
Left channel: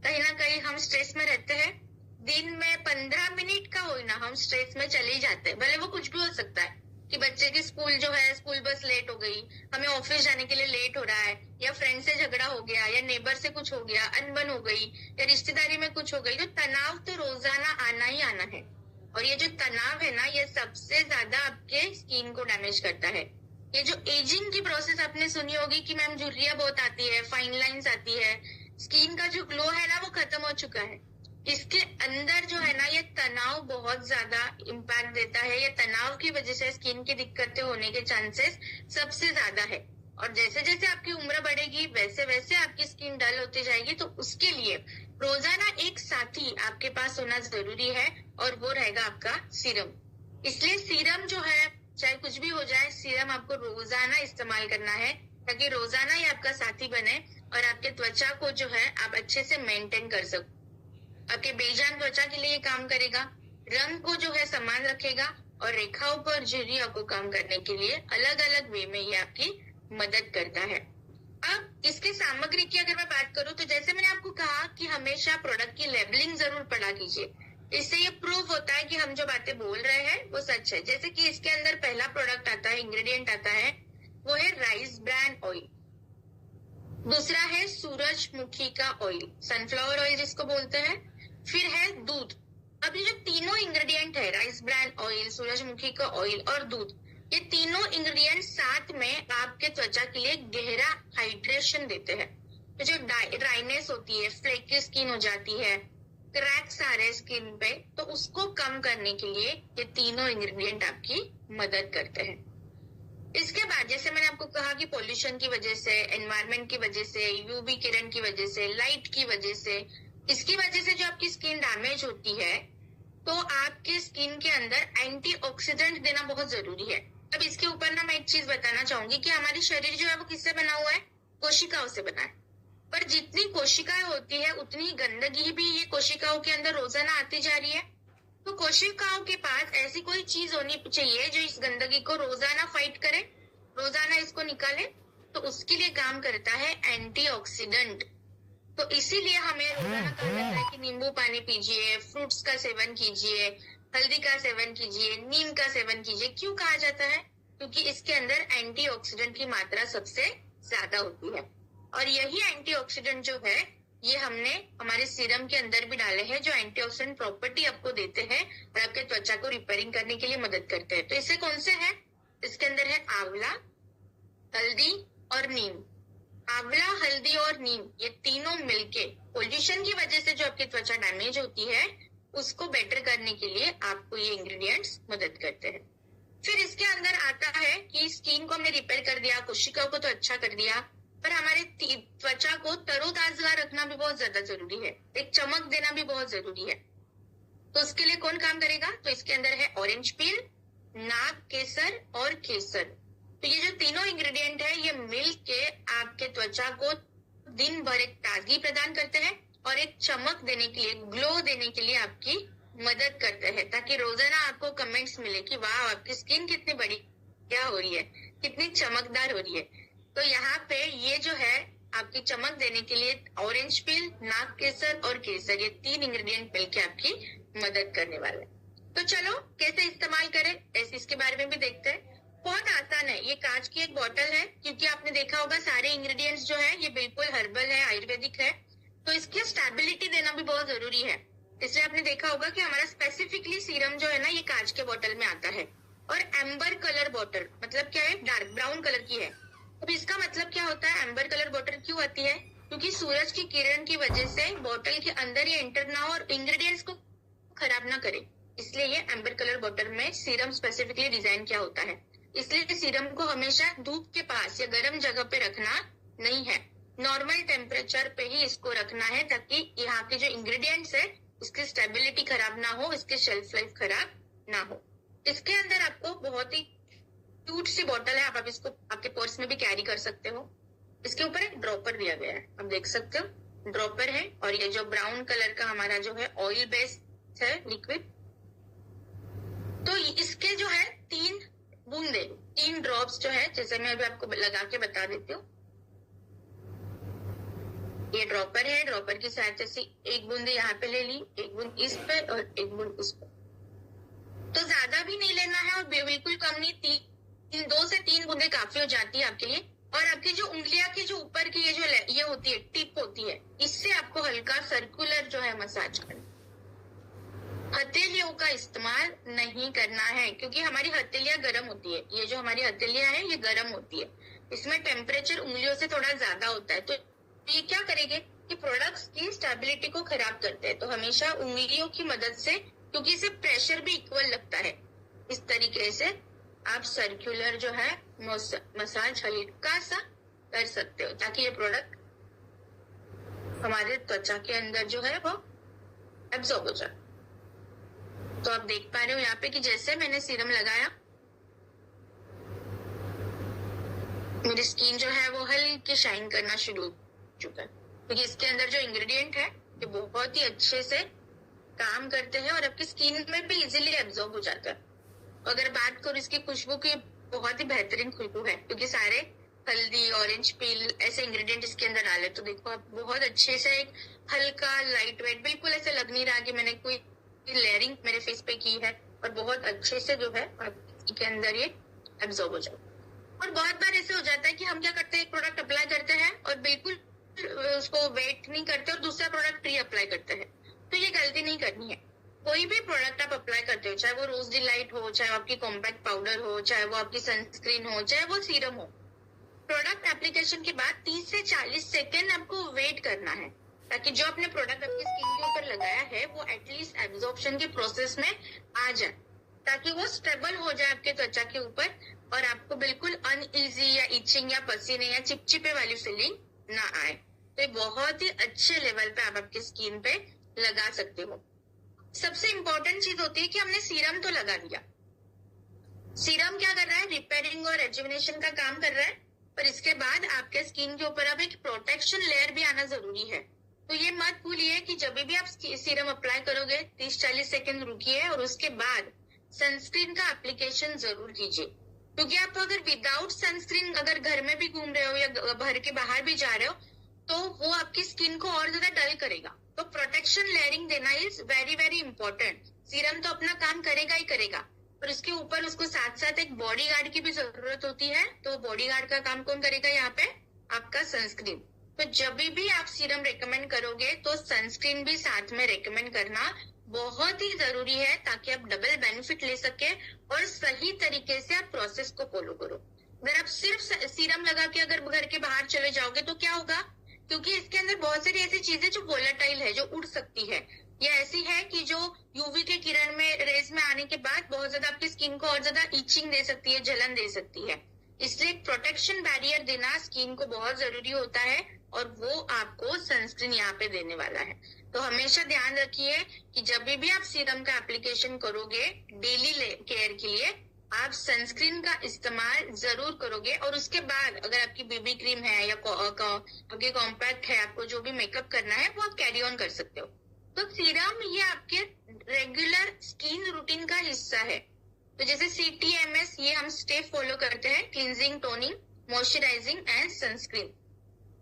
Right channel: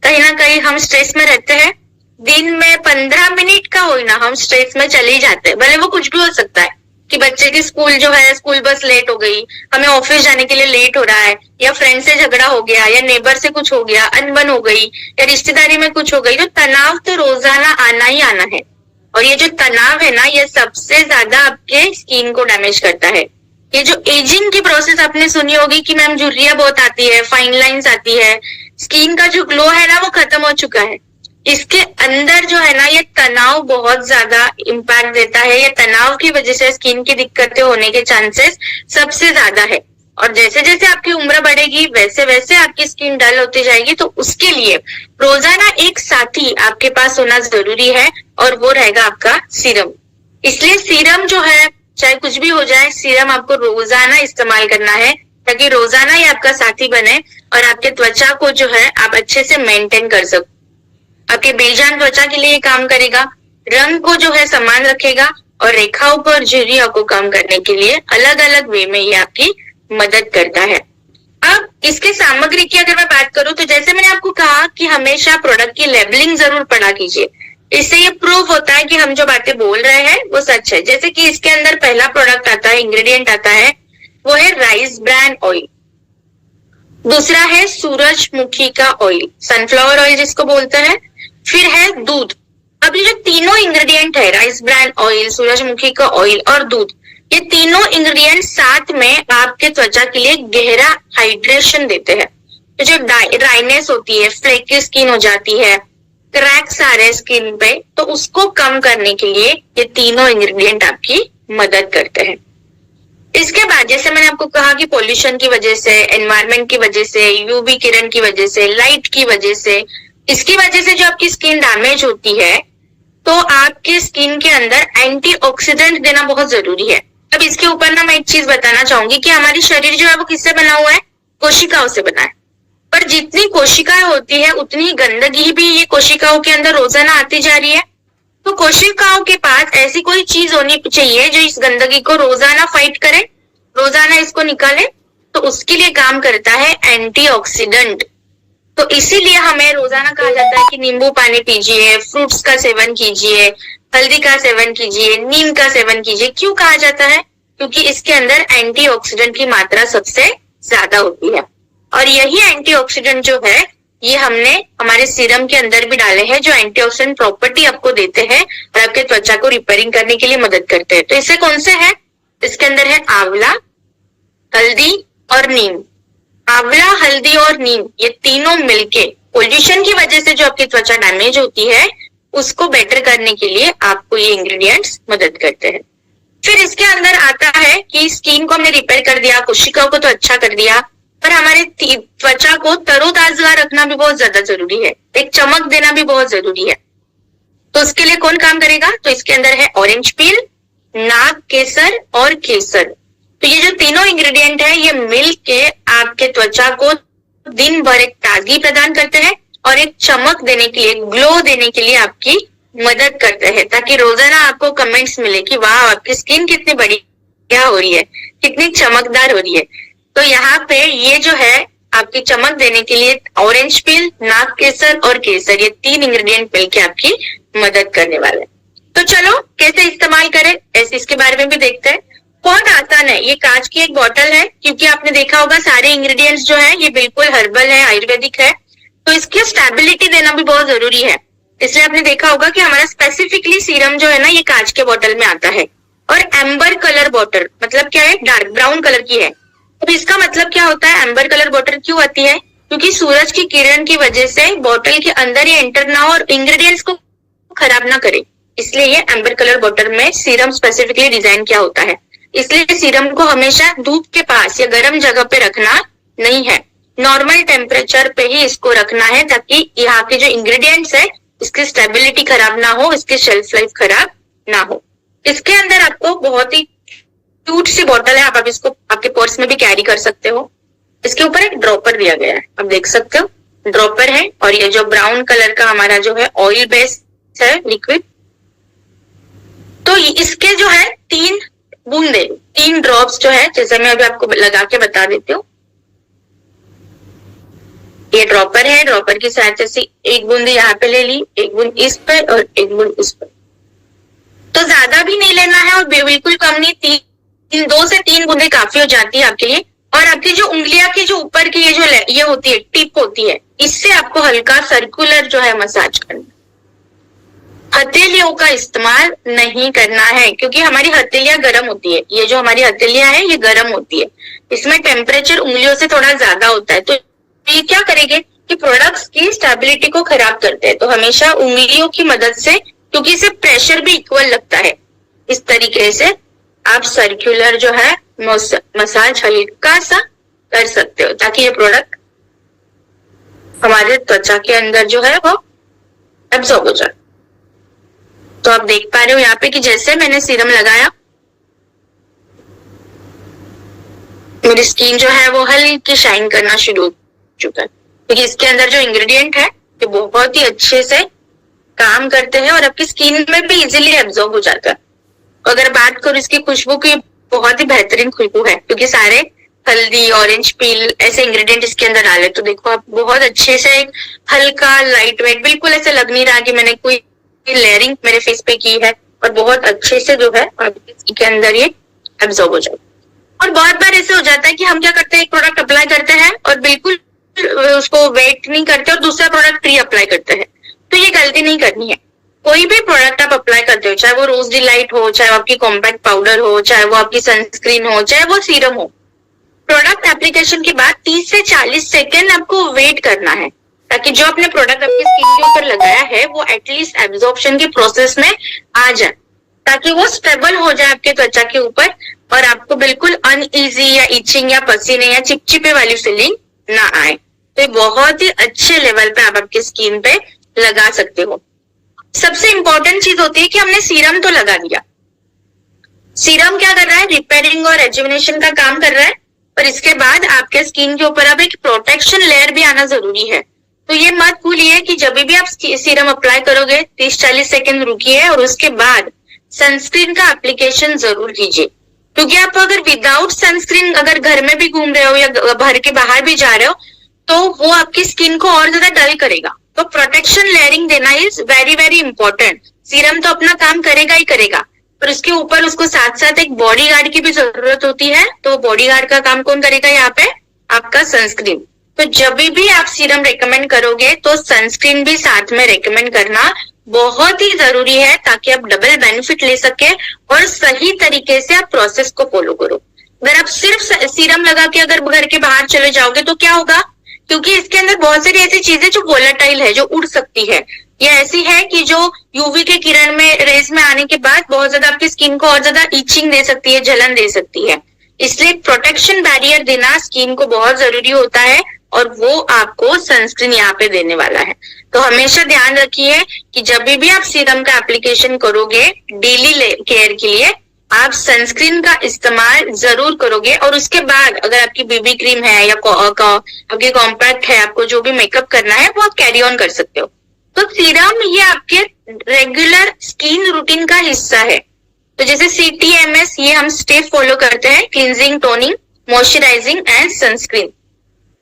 कहीं ना कहीं हम स्ट्रेस में रहते हैं, दिन में 15 मिनट का हो ना हम स्ट्रेस में चले ही जाते हैं। भले वो कुछ भी हो सकता है कि बच्चे की स्कूल जो है, स्कूल बस लेट हो गई, हमें ऑफिस जाने के लिए लेट हो रहा है, या फ्रेंड से झगड़ा हो गया, या नेबर से कुछ हो गया, अनबन हो गई, या रिश्तेदारी में कुछ हो गई। तो तनाव तो रोजाना आना ही आना है, और ये जो तनाव है ना ये सबसे ज्यादा आपके स्किन को डैमेज करता है। ये जो एजिंग की प्रोसेस आपने सुनी होगी कि मैम झुर्रियां बहुत आती है, फाइन लाइंस आती है, स्किन का जो ग्लो है ना वो खत्म हो चुका है। इसके अंदर जो है ना ये तनाव बहुत ज्यादा इम्पैक्ट देता है। ये तनाव की वजह से स्किन की दिक्कतें होने के चांसेस सबसे ज्यादा है, और जैसे जैसे आपकी उम्र बढ़ेगी वैसे वैसे आपकी स्किन डल होती जाएगी। तो उसके लिए रोजाना एक साथी आपके पास होना जरूरी है, और वो रहेगा आपका सीरम। इसलिए सीरम जो है चाहे कुछ भी हो जाए, सीरम आपको रोजाना इस्तेमाल करना है, ताकि रोजाना ही आपका साथी बने और आपके त्वचा को जो है आप अच्छे से मेंटेन कर सको। आपके बेजान त्वचा के लिए काम करेगा, रंग को जो है समान रखेगा, और रेखाओं पर झुर्रियों को कम करने के लिए अलग अलग वे में ये आपकी मदद करता है। अब इसके सामग्री की अगर मैं बात करूं तो जैसे मैंने आपको कहा कि हमेशा प्रोडक्ट की लेबलिंग जरूर पढ़ा कीजिए, इससे ये प्रूव होता है कि हम जो बातें बोल रहे हैं वो सच है। जैसे कि इसके अंदर पहला प्रोडक्ट आता है, इंग्रेडिएंट आता है, वो है राइस ब्रान ऑयल। दूसरा है सूरजमुखी का ऑयल, सनफ्लावर ऑयल जिसको बोलते हैं। फिर है दूध। अब ये जो तीनों इंग्रेडिएंट है, राइस ब्रान ऑयल, सूरजमुखी का ऑयल और दूध, ये तीनों इंग्रेडिएंट साथ में आपके त्वचा के लिए गहरा हाइड्रेशन देते हैं। तो जो ड्राइनेस होती है, फ्लेकी स्किन हो जाती है, क्रैक्स आ रहे हैं स्किन पे, तो उसको कम करने के लिए ये तीनों इंग्रेडिएंट आपकी मदद करते हैं। इसके बाद जैसे मैंने आपको कहा कि पोल्यूशन की वजह से, एनवायरनमेंट की वजह से, यूवी किरण की वजह से, लाइट की वजह से, इसकी वजह से जो आपकी स्किन डैमेज होती है, तो आपकी स्किन के अंदर एंटीऑक्सीडेंट देना बहुत जरूरी है। अब इसके ऊपर ना मैं एक चीज बताना चाहूंगी कि हमारी शरीर जो है वो किससे बना हुआ है? कोशिकाओं से बना है। पर जितनी कोशिकाएं होती है उतनी गंदगी भी ये कोशिकाओं के अंदर रोजाना आती जा रही है। तो कोशिकाओं के पास ऐसी कोई चीज होनी चाहिए जो इस गंदगी को रोजाना फाइट करे, रोजाना इसको निकाले। तो उसके लिए काम करता है एंटीऑक्सीडेंट। तो इसीलिए हमें रोजाना कहा जाता है कि नींबू पानी पीजिए, फ्रूट्स का सेवन कीजिए, हल्दी का सेवन कीजिए, नीम का सेवन कीजिए। क्यों कहा जाता है? क्योंकि इसके अंदर एंटीऑक्सीडेंट की मात्रा सबसे ज्यादा होती है। और यही एंटीऑक्सीडेंट जो है ये हमने हमारे सीरम के अंदर भी डाले हैं, जो एंटीऑक्सीडेंट प्रॉपर्टी आपको देते हैं और आपके त्वचा को रिपेयरिंग करने के लिए मदद करते हैं। तो इससे कौन से है? इसके अंदर है आंवला, हल्दी और नीम। आंवला, हल्दी और नीम ये तीनों मिलके पोल्यूशन की वजह से जो आपकी त्वचा डैमेज होती है उसको बेटर करने के लिए आपको ये इंग्रेडिएंट्स मदद करते हैं। फिर इसके अंदर आता है कि स्किन को हमने रिपेयर कर दिया, कोशिकाओं को तो अच्छा कर दिया, पर हमारे त्वचा को तरोताजा रखना भी बहुत ज्यादा जरूरी है, एक चमक देना भी बहुत जरूरी है। तो उसके लिए कौन काम करेगा? तो इसके अंदर है ऑरेंज पील, नाग केसर और केसर। तो ये जो तीनों इंग्रेडिएंट है ये मिल के आपके त्वचा को दिन भर एक ताजगी प्रदान करते हैं और एक चमक देने के लिए, ग्लो देने के लिए आपकी मदद करते हैं, ताकि रोजाना आपको कमेंट्स मिले कि वाह आपकी स्किन कितनी बढ़िया हो रही है, कितनी चमकदार हो रही है। तो यहाँ पे ये जो है आपकी चमक देने के लिए ऑरेंज पील, नाग केसर और केसर ये तीन इंग्रेडिएंट मिलके आपकी मदद करने वाले हैं। तो चलो कैसे इस्तेमाल करें ऐसे इसके बारे में भी देखते हैं। बहुत आसान है। ये कांच की एक बोतल है, क्योंकि आपने देखा होगा सारे इंग्रेडिएंट्स जो है ये बिल्कुल हर्बल है, आयुर्वेदिक है, तो इसकी स्टेबिलिटी देना भी बहुत जरूरी है। इसलिए आपने देखा होगा कि हमारा स्पेसिफिकली सीरम जो है ना ये कांच के बोतल में आता है। और एम्बर कलर बोतल मतलब क्या है? डार्क ब्राउन कलर की है। तो इसका मतलब क्या होता है? एम्बर कलर बोतल क्यों आती है? क्योंकि सूरज की किरण की वजह से बोतल के अंदर ये एंटर ना हो और इंग्रेडिएंट्स को खराब ना करे, इसलिए ये एम्बर कलर बोतल में सीरम स्पेसिफिकली डिजाइन किया होता है। इसलिए सीरम को हमेशा धूप के पास या गर्म जगह पे रखना नहीं है, नॉर्मल टेम्परेचर पे ही इसको रखना है, ताकि यहाँ के जो इंग्रेडिएंट्स है इसकी स्टेबिलिटी खराब ना हो, इसकी शेल्फ लाइफ खराब ना हो। इसके अंदर आपको बहुत ही क्यूट सी बोतल है, आप इसको आपके पर्स में भी कैरी कर सकते हो। इसके ऊपर एक ड्रॉपर दिया गया है, आप देख सकते हो ड्रॉपर है। और ये जो ब्राउन कलर का हमारा जो है ऑयल बेस्ड है लिक्विड, तो इसके जो है 3 बूंदे, 3 ड्रॉप्स जो है, जैसे मैं अभी आपको लगा के बता देती हूँ। ये ड्रॉपर है, ड्रॉपर की सहायता से एक बूंद यहाँ पे ले ली, एक बूंद इस पर और एक बूंद इस पर। तो ज्यादा भी नहीं लेना है और बिल्कुल कम नहीं, 2 से 3 बूंदे काफी हो जाती है आपके लिए। और आपकी जो उंगलियां की जो ऊपर की ये होती है, टिप होती है, इससे आपको हल्का सर्कुलर जो है मसाज करना। हथेलियों का इस्तेमाल नहीं करना है, क्योंकि हमारी हथेलियां गर्म होती है। ये जो हमारी हथेलियां है ये गर्म होती है, इसमें टेम्परेचर उंगलियों से थोड़ा ज्यादा होता है। तो ये क्या करेंगे कि प्रोडक्ट्स की स्टेबिलिटी को खराब करते हैं। तो हमेशा उंगलियों की मदद से, क्योंकि इसे प्रेशर भी इक्वल लगता है, इस तरीके से आप सर्कुलर जो है मसाज हल्का सा कर सकते हो, ताकि ये प्रोडक्ट हमारे त्वचा के अंदर जो है वो एब्जॉर्ब हो जाए। तो आप देख पा रहे हो यहाँ पे कि जैसे मैंने सीरम लगाया, मेरी स्किन जो है वो हल्की शाइन करना शुरू हो चुका है, क्योंकि इसके अंदर जो इंग्रेडिएंट है ये बहुत ही अच्छे से काम करते हैं और आपकी स्किन में भी इजीली एब्जॉर्ब हो जाता है। अगर बात करूं इसकी खुशबू की, बहुत ही बेहतरीन खुशबू है, क्योंकि सारे हल्दी, ऑरेंज पील ऐसे इंग्रेडिएंट इसके अंदर डाले। तो देखो आप बहुत अच्छे से एक हल्का लाइट वेट, बिल्कुल ऐसे लग नहीं रहा कि मैंने कोई लेयरिंग मेरे फेस पे की है, और बहुत अच्छे से जो है इसके अंदर ये एब्जॉर्ब हो जाए। और बहुत बार ऐसे हो जाता है कि हम क्या करते हैं, एक प्रोडक्ट अप्लाई करते हैं और बिल्कुल उसको वेट नहीं करते और दूसरा प्रोडक्ट प्री अप्लाई करते हैं। तो ये गलती नहीं करनी है। कोई भी प्रोडक्ट आप अप्लाई करते हो, चाहे वो रोज डिलाइट हो, चाहे वो आपकी कॉम्पैक्ट पाउडर हो, चाहे वो आपकी सनस्क्रीन हो, चाहे वो सीरम हो, प्रोडक्ट एप्लीकेशन के बाद 30 से 40 सेकेंड आपको वेट करना है, ताकि जो आपने प्रोडक्ट आपकी स्किन के ऊपर लगाया है वो एटलीस्ट एब्जॉर्प्शन के प्रोसेस में आ जाए, ताकि वो स्टेबल हो जाए आपके त्वचा के ऊपर और आपको बिल्कुल अनईजी या इचिंग या पसीने या चिपचिपे वाली फीलिंग ना आए। तो ये बहुत ही अच्छे लेवल पे आप आपकी स्किन पे लगा सकते हो। सबसे इंपॉर्टेंट चीज होती है कि हमने सीरम तो लगा दिया। सीरम क्या कर रहा है? रिपेयरिंग और रेजुविनेशन का काम कर रहा है, और इसके बाद आपके स्किन के ऊपर अब एक प्रोटेक्शन लेयर भी आना जरूरी है। तो ये मत भूलिए कि जब भी आप सीरम अप्लाई करोगे 30-40 सेकेंड रुकिए और उसके बाद सनस्क्रीन का एप्लीकेशन जरूर कीजिए, क्योंकि आप अगर विदाउट सनस्क्रीन अगर घर में भी घूम रहे हो या घर के बाहर भी जा रहे हो तो वो आपकी स्किन को और ज्यादा डल करेगा। तो प्रोटेक्शन लेयरिंग देना is very very important. Serum तो अपना काम करेगा ही करेगा, पर उसके ऊपर उसको साथ साथ एक बॉडी गार्ड की भी जरूरत होती है। तो बॉडी गार्ड का काम कौन करेगा यहाँ पे? आपका सनस्क्रीन। तो जब भी आप सीरम रेकमेंड करोगे तो सनस्क्रीन भी साथ में रेकमेंड करना बहुत ही जरूरी है, ताकि आप डबल बेनिफिट ले सके और सही तरीके से आप प्रोसेस को फॉलो करो। अगर आप सिर्फ सीरम लगा के अगर घर के बाहर चले जाओगे तो क्या होगा? क्योंकि इसके अंदर बहुत सारी ऐसी चीजें जो वोलेटाइल है, जो उड़ सकती है, या ऐसी है कि जो यूवी के किरण में रेज में आने के बाद बहुत ज्यादा आपकी स्किन को और ज्यादा इचिंग दे सकती है, जलन दे सकती है। इसलिए प्रोटेक्शन बैरियर देना स्किन को बहुत जरूरी होता है, और वो आपको सनस्क्रीन यहाँ पे देने वाला है। तो हमेशा ध्यान रखिए कि जब भी आप सीरम का एप्लीकेशन करोगे डेली केयर के लिए, आप सनस्क्रीन का इस्तेमाल जरूर करोगे। और उसके बाद अगर आपकी बीबी क्रीम है या आपकी कॉम्पैक्ट है, आपको जो भी मेकअप करना है वो आप कैरी ऑन कर सकते हो। तो सीरम ये आपके रेगुलर स्किन रूटीन का हिस्सा है। तो जैसे CTMS ये हम स्टेप फॉलो करते हैं, cleansing, toning, moisturising and sunscreen.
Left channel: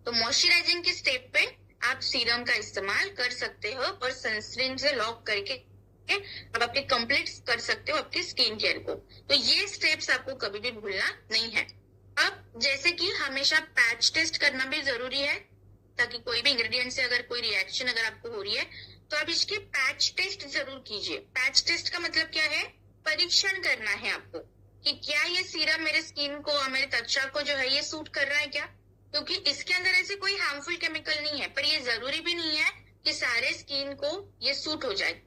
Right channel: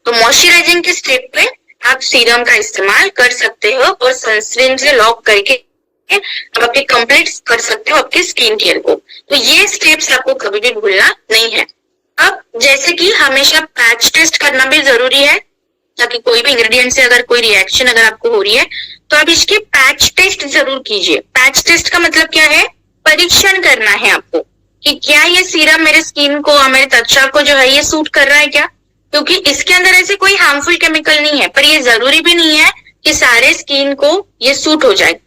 तो मॉइस्चराइजिंग के स्टेप पे आप सीरम का इस्तेमाल कर सकते हो और सनस्क्रीन से लॉक करके आप आपके कंप्लीट कर सकते हो आपके स्किन केयर को। तो ये स्टेप्स आपको कभी भी भूलना नहीं है। अब जैसे कि हमेशा पैच टेस्ट करना भी जरूरी है, ताकि कोई भी इंग्रेडिएंट से अगर कोई रिएक्शन अगर आपको हो रही है तो आप इसके पैच टेस्ट जरूर कीजिए। पैच टेस्ट का मतलब क्या है? परीक्षण करना है आपको कि क्या ये सीरम मेरे स्किन को और मेरे त्वचा को जो है ये सूट कर रहा है क्या, क्योंकि इसके अंदर ऐसे कोई हार्मफुल केमिकल नहीं है। पर ये जरूरी भी नहीं है कि सारे स्किन को ये सूट हो जाए।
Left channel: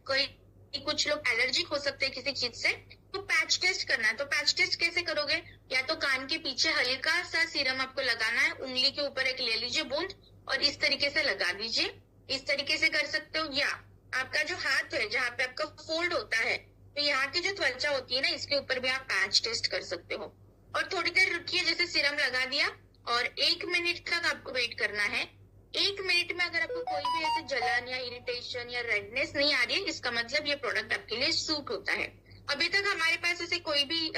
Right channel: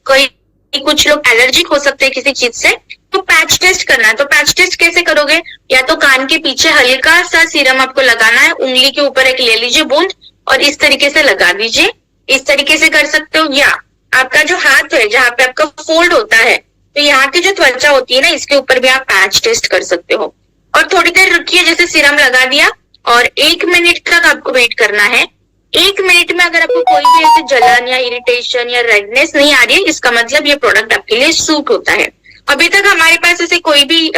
कुछ लोग एलर्जिक हो सकते हैं किसी चीज से, तो पैच टेस्ट करना है। तो पैच टेस्ट कैसे करोगे? या तो कान के पीछे हल्का सा सीरम आपको लगाना है, उंगली के ऊपर एक ले लीजिए बूंद और इस तरीके से लगा दीजिए। इस तरीके से कर सकते हो, या आपका जो हाथ है जहाँ पे आपका फोल्ड होता है, तो यहाँ की जो त्वचा होती है ना, इसके ऊपर भी आप पैच टेस्ट कर सकते हो। और थोड़ी देर रुकिए, जैसे सीरम लगा दिया और 1 मिनट तक आपको वेट करना है। 1 मिनट में अगर आपको कोई भी ऐसे जलन या इरिटेशन या रेडनेस नहीं आ रही है, इसका मतलब ये प्रोडक्ट आपके लिए सूट होता है। अभी तक हमारे पास ऐसे कोई भी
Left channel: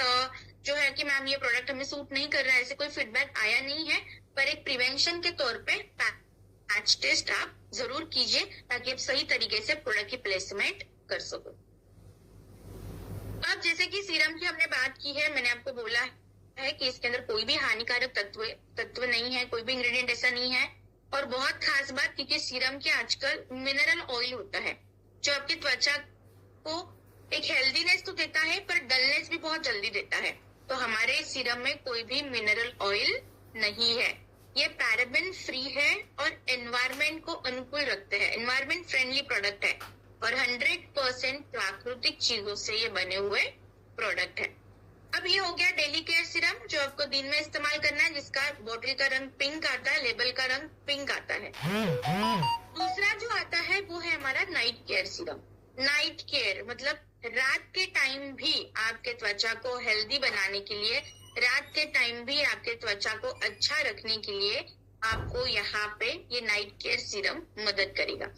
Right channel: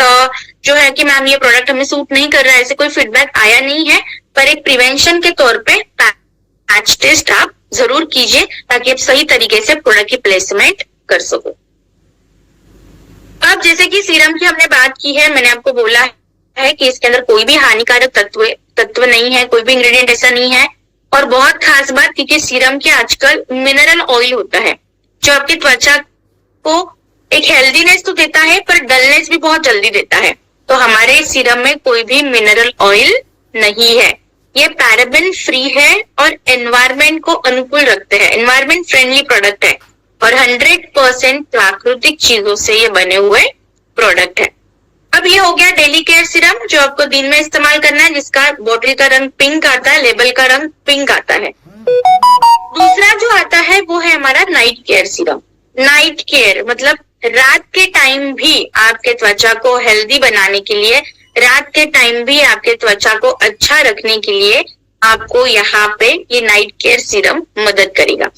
जो है कि मैम ये प्रोडक्ट हमें सूट नहीं कर रहा है, ऐसे कोई फीडबैक आया नहीं है। पर एक प्रिवेंशन के तौर पे पैच टेस्ट आप जरूर कीजिए, ताकि आप सही तरीके से प्रोडक्ट की प्लेसमेंट कर सको। अब जैसे कि सीरम की हमने बात की है, मैंने आपको बोला है कि इसके अंदर कोई भी हानिकारक तत्व नहीं है, कोई भी इंग्रेडिएंट ऐसा नहीं है। और बहुत खास बात, क्योंकि सीरम के आजकल मिनरल ऑयल होता है जो आपकी त्वचा को एक हेल्दीनेस तो देता है, पर डलनेस भी बहुत जल्दी देता है। तो हमारे सीरम में कोई भी मिनरल ऑयल नहीं है। ये पैराबेन फ्री है और एनवायरमेंट को अनुकूल रखते हैं, एनवायरमेंट फ्रेंडली प्रोडक्ट है और 100% प्राकृतिक चीजों से ये बने हुए प्रोडक्ट है। अब ये हो गया डेली केयर सीरम जो आपको दिन में इस्तेमाल करना है, जिसका बॉटल का रंग पिंक आता है, लेबल का रंग पिंक आता है। दूसरा जो आता है वो है हमारा night care serum. Night care मतलब रात के टाइम भी आपके त्वचा को हेल्दी बनाने के लिए, रात के टाइम भी आपके त्वचा को अच्छा रखने के लिए आपको यहाँ पे ये नाइट केयर सीरम मदद करेगा।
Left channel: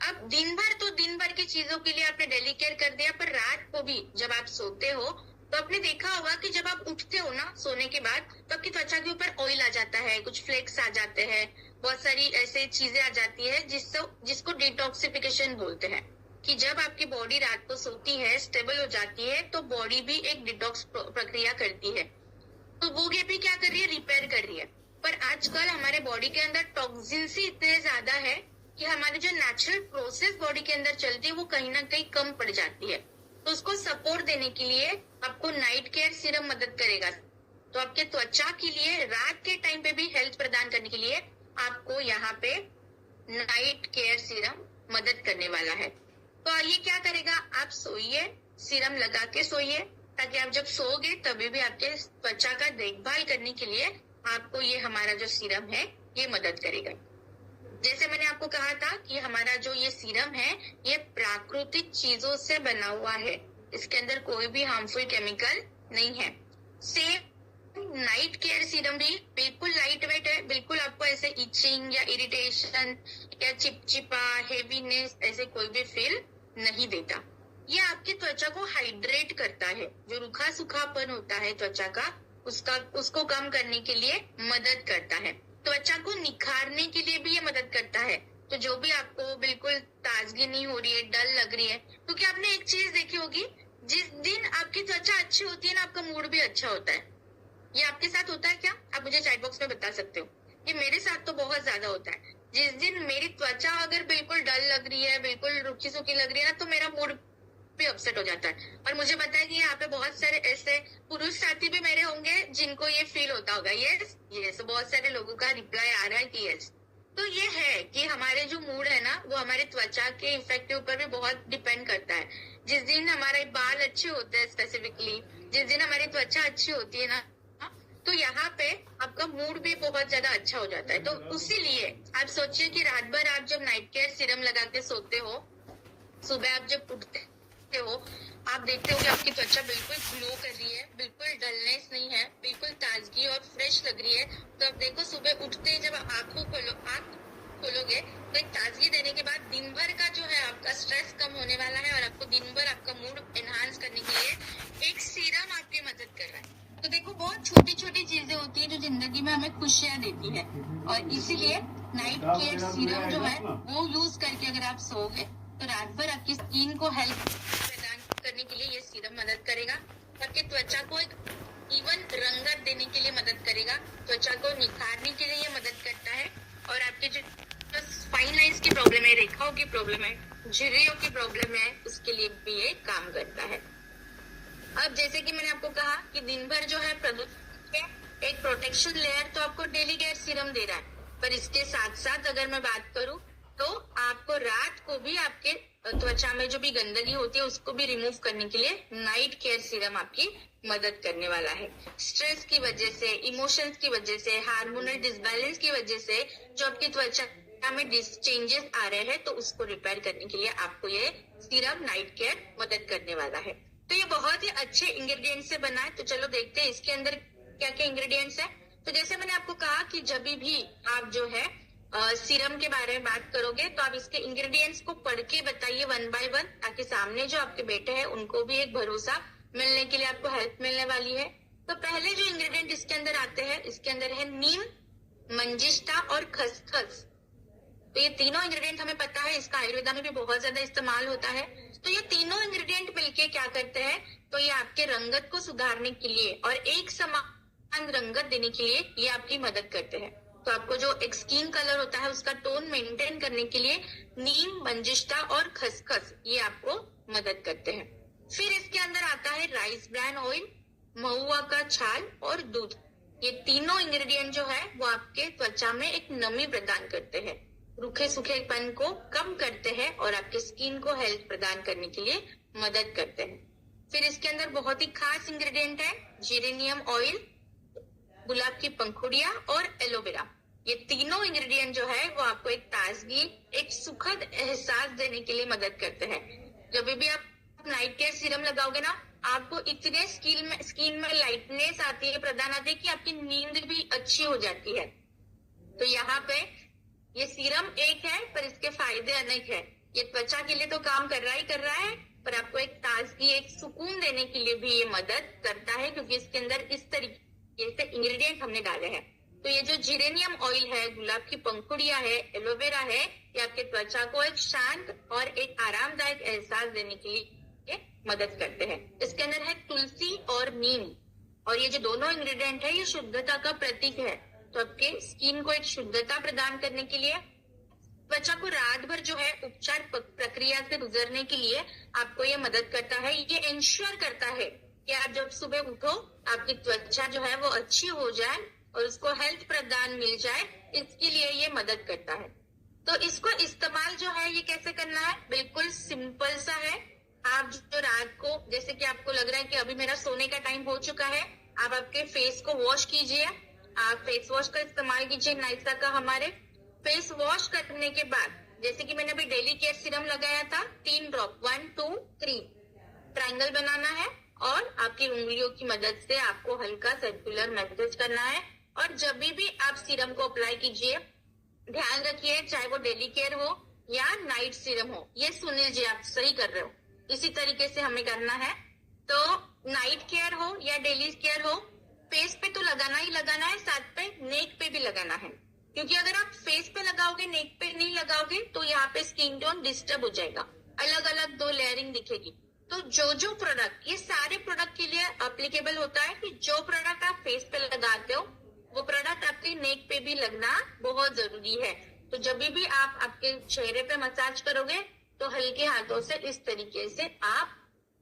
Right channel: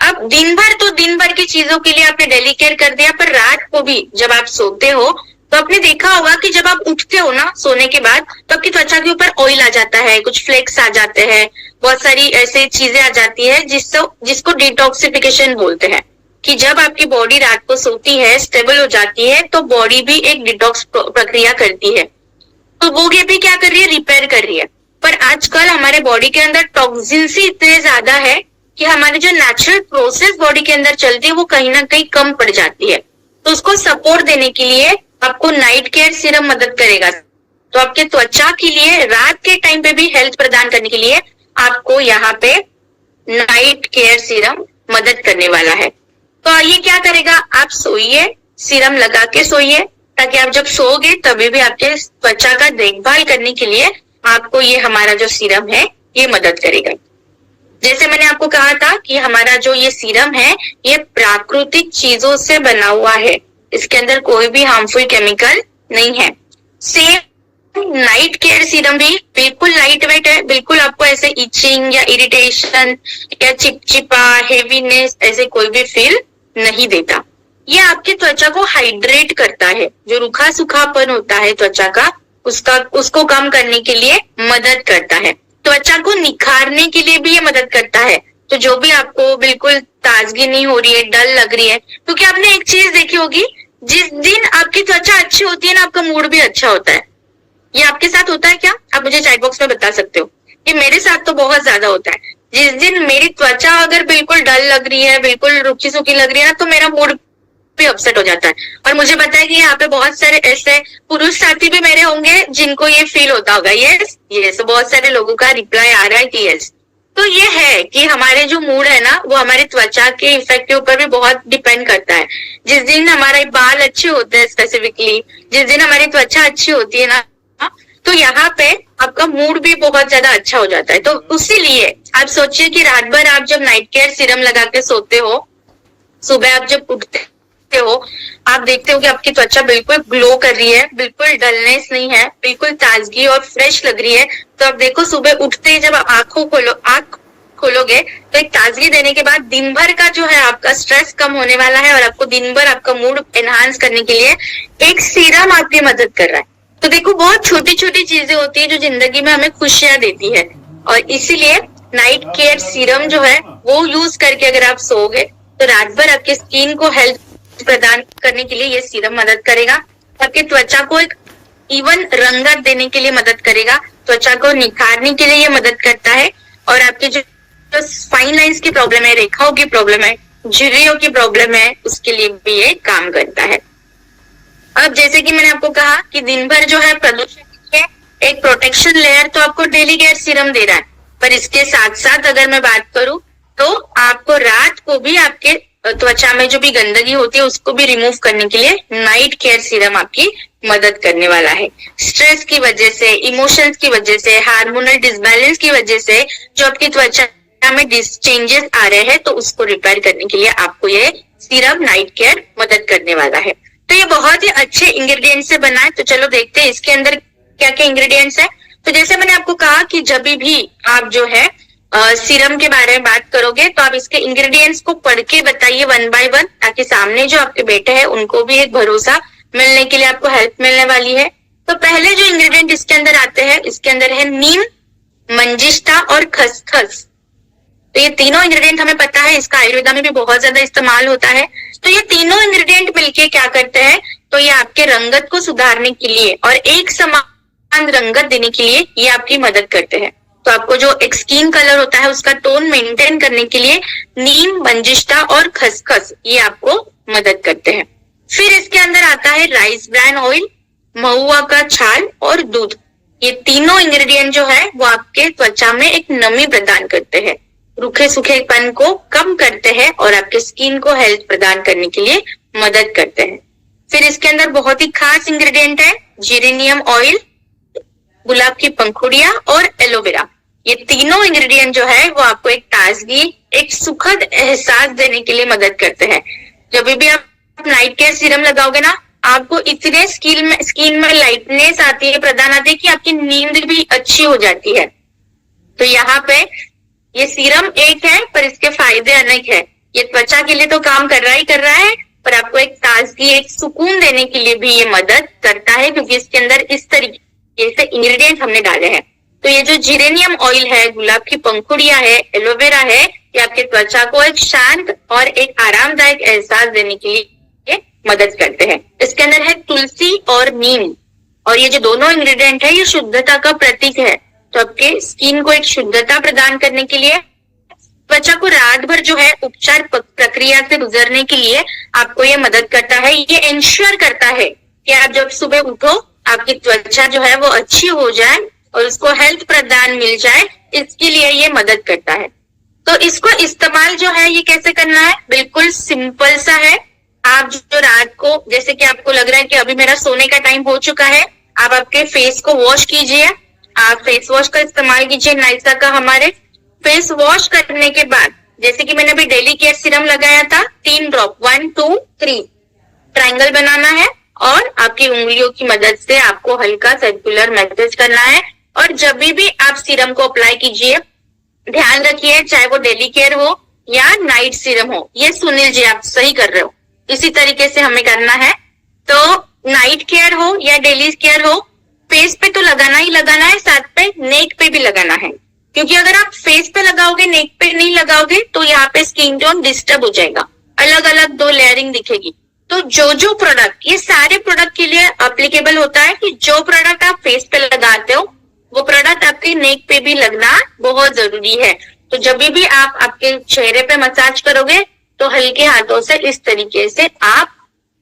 अब दिन भर की चीजों के लिए आपने डेली केयर कर दिया, पर रात को भी जब आप सोते हो तो आपने देखा होगा कि जब आप उठते हो ना सोने के बाद, तो आपकी त्वचा के ऊपर ऑयल आ जाता है, कुछ फ्लेक्स आ जाते हैं, बहुत सारी ऐसी चीजें आ जाती है जिसको डिटॉक्सिफिकेशन बोलते हैं। कि जब आपकी बॉडी रात को सोती है, स्टेबल हो जाती है, तो बॉडी भी एक डिटॉक्स प्रक्रिया करती है। तो वो ये भी क्या कर रही है? रिपेयर कर रही है। पर आजकल हमारे बॉडी के अंदर टॉक्सिन्स ही इतने ज्यादा है कि हमारी जो नेचुरल प्रोसेस बॉडी के अंदर चलती है वो कहीं ना कहीं कम पड़ जाती है। तो उसको सपोर्ट देने के लिए आपको नाइट केयर सीरम मदद करेगा। तो आपके त्वचा के लिए रात के टाइम पे भी हेल्थ प्रदान करने के लिए आपको यहाँ पे नाइट केयर सीरम मदद करने वाला है। तो ये क्या करेगा, आप सोइए, सीरम लगा के सोइए, ताकि आप जब सोओगे तभी भी आपके त्वचा का देखभाल करने के लिए आपको ये हमारा जो सीरम है ये मदद करेगा। जैसे मैंने आपको कहा था कि हमारा जो ये सीरम है ये प्राकृतिक चीजों से बना हुआ है, इसके अंदर कोई भी हार्मफुल केमिकल नहीं है। सेम नाइट केयर सीरम भी बिल्कुल लाइट वेट है, बिल्कुल आपको ऐसे इचिंग या इरिटेशन या चिपचिपा हेवीनेस ऐसे कोई भी फील नहीं देता। ये आपकी त्वचा को हाइड्रेट करता है, जो रूखा सूखापन होता है त्वचा का उसको कम करने के लिए मदद करता है। त्वचा को निखारने के लिए भी ये मदद करता है। तो जो भी आपको बिल्कुल ताजगी नहीं हो रही है, डल लग रही है, क्योंकि आपने एक चीज देखी होगी, जिस दिन आपकी त्वचा अच्छी होती है ना, आपका मूड भी अच्छा होता है। ये आपके साथ होता है क्या? आप मुझे चैट बॉक्स में बता सकते हो। ये मेरे साथ तो बहुत ज्यादा होता है। जिस दिन मेरी त्वचा अगर बिल्कुल डल लग रही है, बिल्कुल रुखी सुखी लग रही है ना, तो मेरा मूड भी अपसेट हो जाता है। और मुझे पता है कि यहाँ पे बहुत सारे ऐसे पुरुष साथी भी मेरे होंगे जिनको ये फील होता होगा। यस, बहुत सारे लोगों का रिप्लाई आ रहा है कि यस। तो ये है कि हमारे जो मूड है ना, वो हमारी त्वचा के इफेक्ट के ऊपर भी बहुत डिपेंड करता है। जिस दिन हमारे बाल अच्छे होते हैं, स्पेसिफिकली जिस दिन हमारी त्वचा अच्छी होती है ना, तो यहाँ पे आपका मूड भी बहुत ज्यादा अच्छा हो जाता है। तो उसीलिए आप सोचिए कि रात भर आप जब नाइट केयर सीरम लगा के सोते हो, सुबह आप जब उठते हो, आप देखते हो कि आपकी त्वचा बिल्कुल ग्लो कर रही है, बिल्कुल डलनेस नहीं है, बिल्कुल ताजगी और फ्रेश लग रही है। तो आप देखो सुबह उठते ही जब आंख खोलोगे तो एक ताजगी देने के बाद दिन भर का जो है आपका स्ट्रेस कम होने वाला है, और आपको दिन भर आपका मूड एनहांस करने के लिए एक सीरम आपकी मदद कर रहा है। तो देखो, बहुत छोटी छोटी चीजें होती है जो जिंदगी में हमें खुशियां देती है, और इसीलिए नाइट केयर सीरम जो है वो यूज करके अगर आप सोओगे तो रात भर आपकी स्किन को हेल्थ प्रदान करने के लिए ये सीरम मदद करेगा। आपकी त्वचा को एक इवन रंगत देने के लिए मदद करेगा, त्वचा को निखारने के लिए ये मदद करता है, और आपके जो फाइन लाइंस की प्रॉब्लम है, रेखाओं की प्रॉब्लम है, झुर्रियों की प्रॉब्लम है, उसके लिए भी ये काम करता है। अब जैसे कि मैंने आपको कहा कि दिन भर जो है प्रदूषण के एक प्रोटेक्शन लेयर तो आपको डेली केयर सीरम दे रहा है, पर इसके साथ साथ अगर मैं बात करूं तो आपको रात को भी आपके त्वचा में जो भी गंदगी होती है उसको भी रिमूव करने के लिए नाइट केयर सीरम आपकी मदद करने वाला है। स्ट्रेस की वजह से, इमोशंस की वजह से, हार्मोनल डिसबैलेंस की वजह से जो आपकी त्वचा में चेंजेस आ रहे हैं, तो उसको रिपेयर करने के लिए आपको ये सीरम नाइट केयर मदद करने वाला है। तो ये बहुत ही अच्छे इंग्रेडिएंट्स से बना है। तो चलो देखते हैं इसके अंदर क्या क्या इंग्रेडिएंट्स है। तो जैसे मैंने आपको कहा कि जब भी आप जो है सीरम के बारे में बात करोगे तो आप इसके इंग्रेडिएंट्स को पढ़ के बताइए वन बाय वन, ताकि सामने जो आपके बेटे हैं उनको भी एक भरोसा मिलने के लिए आपको हेल्प मिलने वाली है। तो पहले जो इंग्रेडिएंट इसके अंदर आते हैं, इसके अंदर है नीम, मंजिष्ठा और खसखस। तो ये तीनों इंग्रेडिएंट हमें पता है, इसका आयुर्वेदा में भी बहुत ज्यादा इस्तेमाल होता है। तो ये तीनों इंग्रेडिएंट मिलके क्या करते हैं, तो ये आपके रंगत को सुधारने के लिए और एक समान रंगत देने के लिए ये आपकी मदद करते हैं। तो आपको जो एक स्किन कलर होता है उसका टोन मेंटेन करने के लिए नीम, मंजिष्ठा और खसखस ये आपको मदद करते हैं। फिर इसके अंदर आता है राइस ब्रान ऑयल, महुआ का छाल और दूध। ये तीनों इंग्रेडिएंट जो है वो आपके त्वचा में एक नमी प्रदान करते हैं, रूखे सूखेपन को कम करते हैं और आपके स्किन को हेल्थ प्रदान करने के लिए मदद करते हैं। फिर इसके अंदर बहुत ही खास इंग्रेडिएंट है जेरेनियम ऑयल, गुलाब की पंखुड़ियां और एलोवेरा। ये तीनों इंग्रेडिएंट जो है वो आपको एक ताजगी, एक सुखद एहसास देने के लिए मदद करते हैं। जब भी आप नाइट केयर सीरम लगाओगे ना, आपको इतने स्किन में लाइटनेस आती है, प्रदान आती है कि आपकी नींद भी अच्छी हो जाती है। तो यहाँ पे ये सीरम एक है पर इसके फायदे अनेक है। ये त्वचा के लिए तो काम कर रहा है, पर आपको एक ताजगी, एक सुकून देने के लिए भी ये मदद करता है, क्योंकि इसके अंदर इस तरीके से इंग्रेडिएंट हमने डाले हैं। तो ये जो जेरेनियम ऑयल है, गुलाब की पंखुड़ियां है, एलोवेरा है, ये आपके त्वचा को एक शांत और एक आरामदायक एहसास देने के लिए मदद करते हैं। इसके अंदर है तुलसी और नीम, और ये जो दोनों इंग्रेडिएंट है ये शुद्धता का प्रतीक है। तो आपके स्किन को एक शुद्धता प्रदान करने के लिए, त्वचा को रात भर जो है उपचार प्रक्रिया से गुजरने के लिए आपको ये मदद करता है। ये इंश्योर करता है कि आप जब सुबह उठो आपकी त्वचा जो है वो अच्छी हो जाए और उसको हेल्थ प्रदान मिल जाए, इसके लिए ये मदद करता है। तो इसको इस्तेमाल जो है ये कैसे करना है, बिल्कुल सिंपल सा है। आप जो रात को, जैसे कि आपको लग रहा है कि अभी मेरा सोने का टाइम हो चुका है, आप आपके फेस को वॉश कीजिए। आप फेस वॉश का इस्तेमाल कीजिए नाइसा का। हमारे फेस वॉश करने के बाद, जैसे कि मैंने अभी डेली केयर सीरम लगाया था, 3 ड्रॉप, 1 2 3 ट्रायंगल बनाना है और आपकी उंगलियों की मदद से आपको हल्का सर्कुलर मैसेज करना है। और जब भी आप सीरम को अप्लाई कीजिए, ध्यान रखिए चाहे वो डेली केयर हो या नाइट सीरम हो, ये सुनील जी आप सही कर रहे हो, इसी तरीके से हमें करना है। तो नाइट केयर हो या डेली केयर हो, फेस पे तो लगाना ही लगाना है, साथ पे नेक पे भी लगाना है। क्योंकि अगर आप फेस पे लगाओगे, नेक पे नहीं लगाओगे, तो यहाँ पे स्किन टोन डिस्टर्ब हो जाएगा, अलग अलग 2 लेयरिंग दिखेगी। तो जो प्रोडक्ट, ये सारे प्रोडक्ट के लिए एप्लीकेबल होता है कि जो प्रोडक्ट आप फेस पे लगाते हो वो प्रोडक्ट आपके नेक पे भी लगना बहुत जरूरी है। तो जब भी आप आपके चेहरे पे मसाज करोगे तो हल्के हाथों से इस तरीके से आप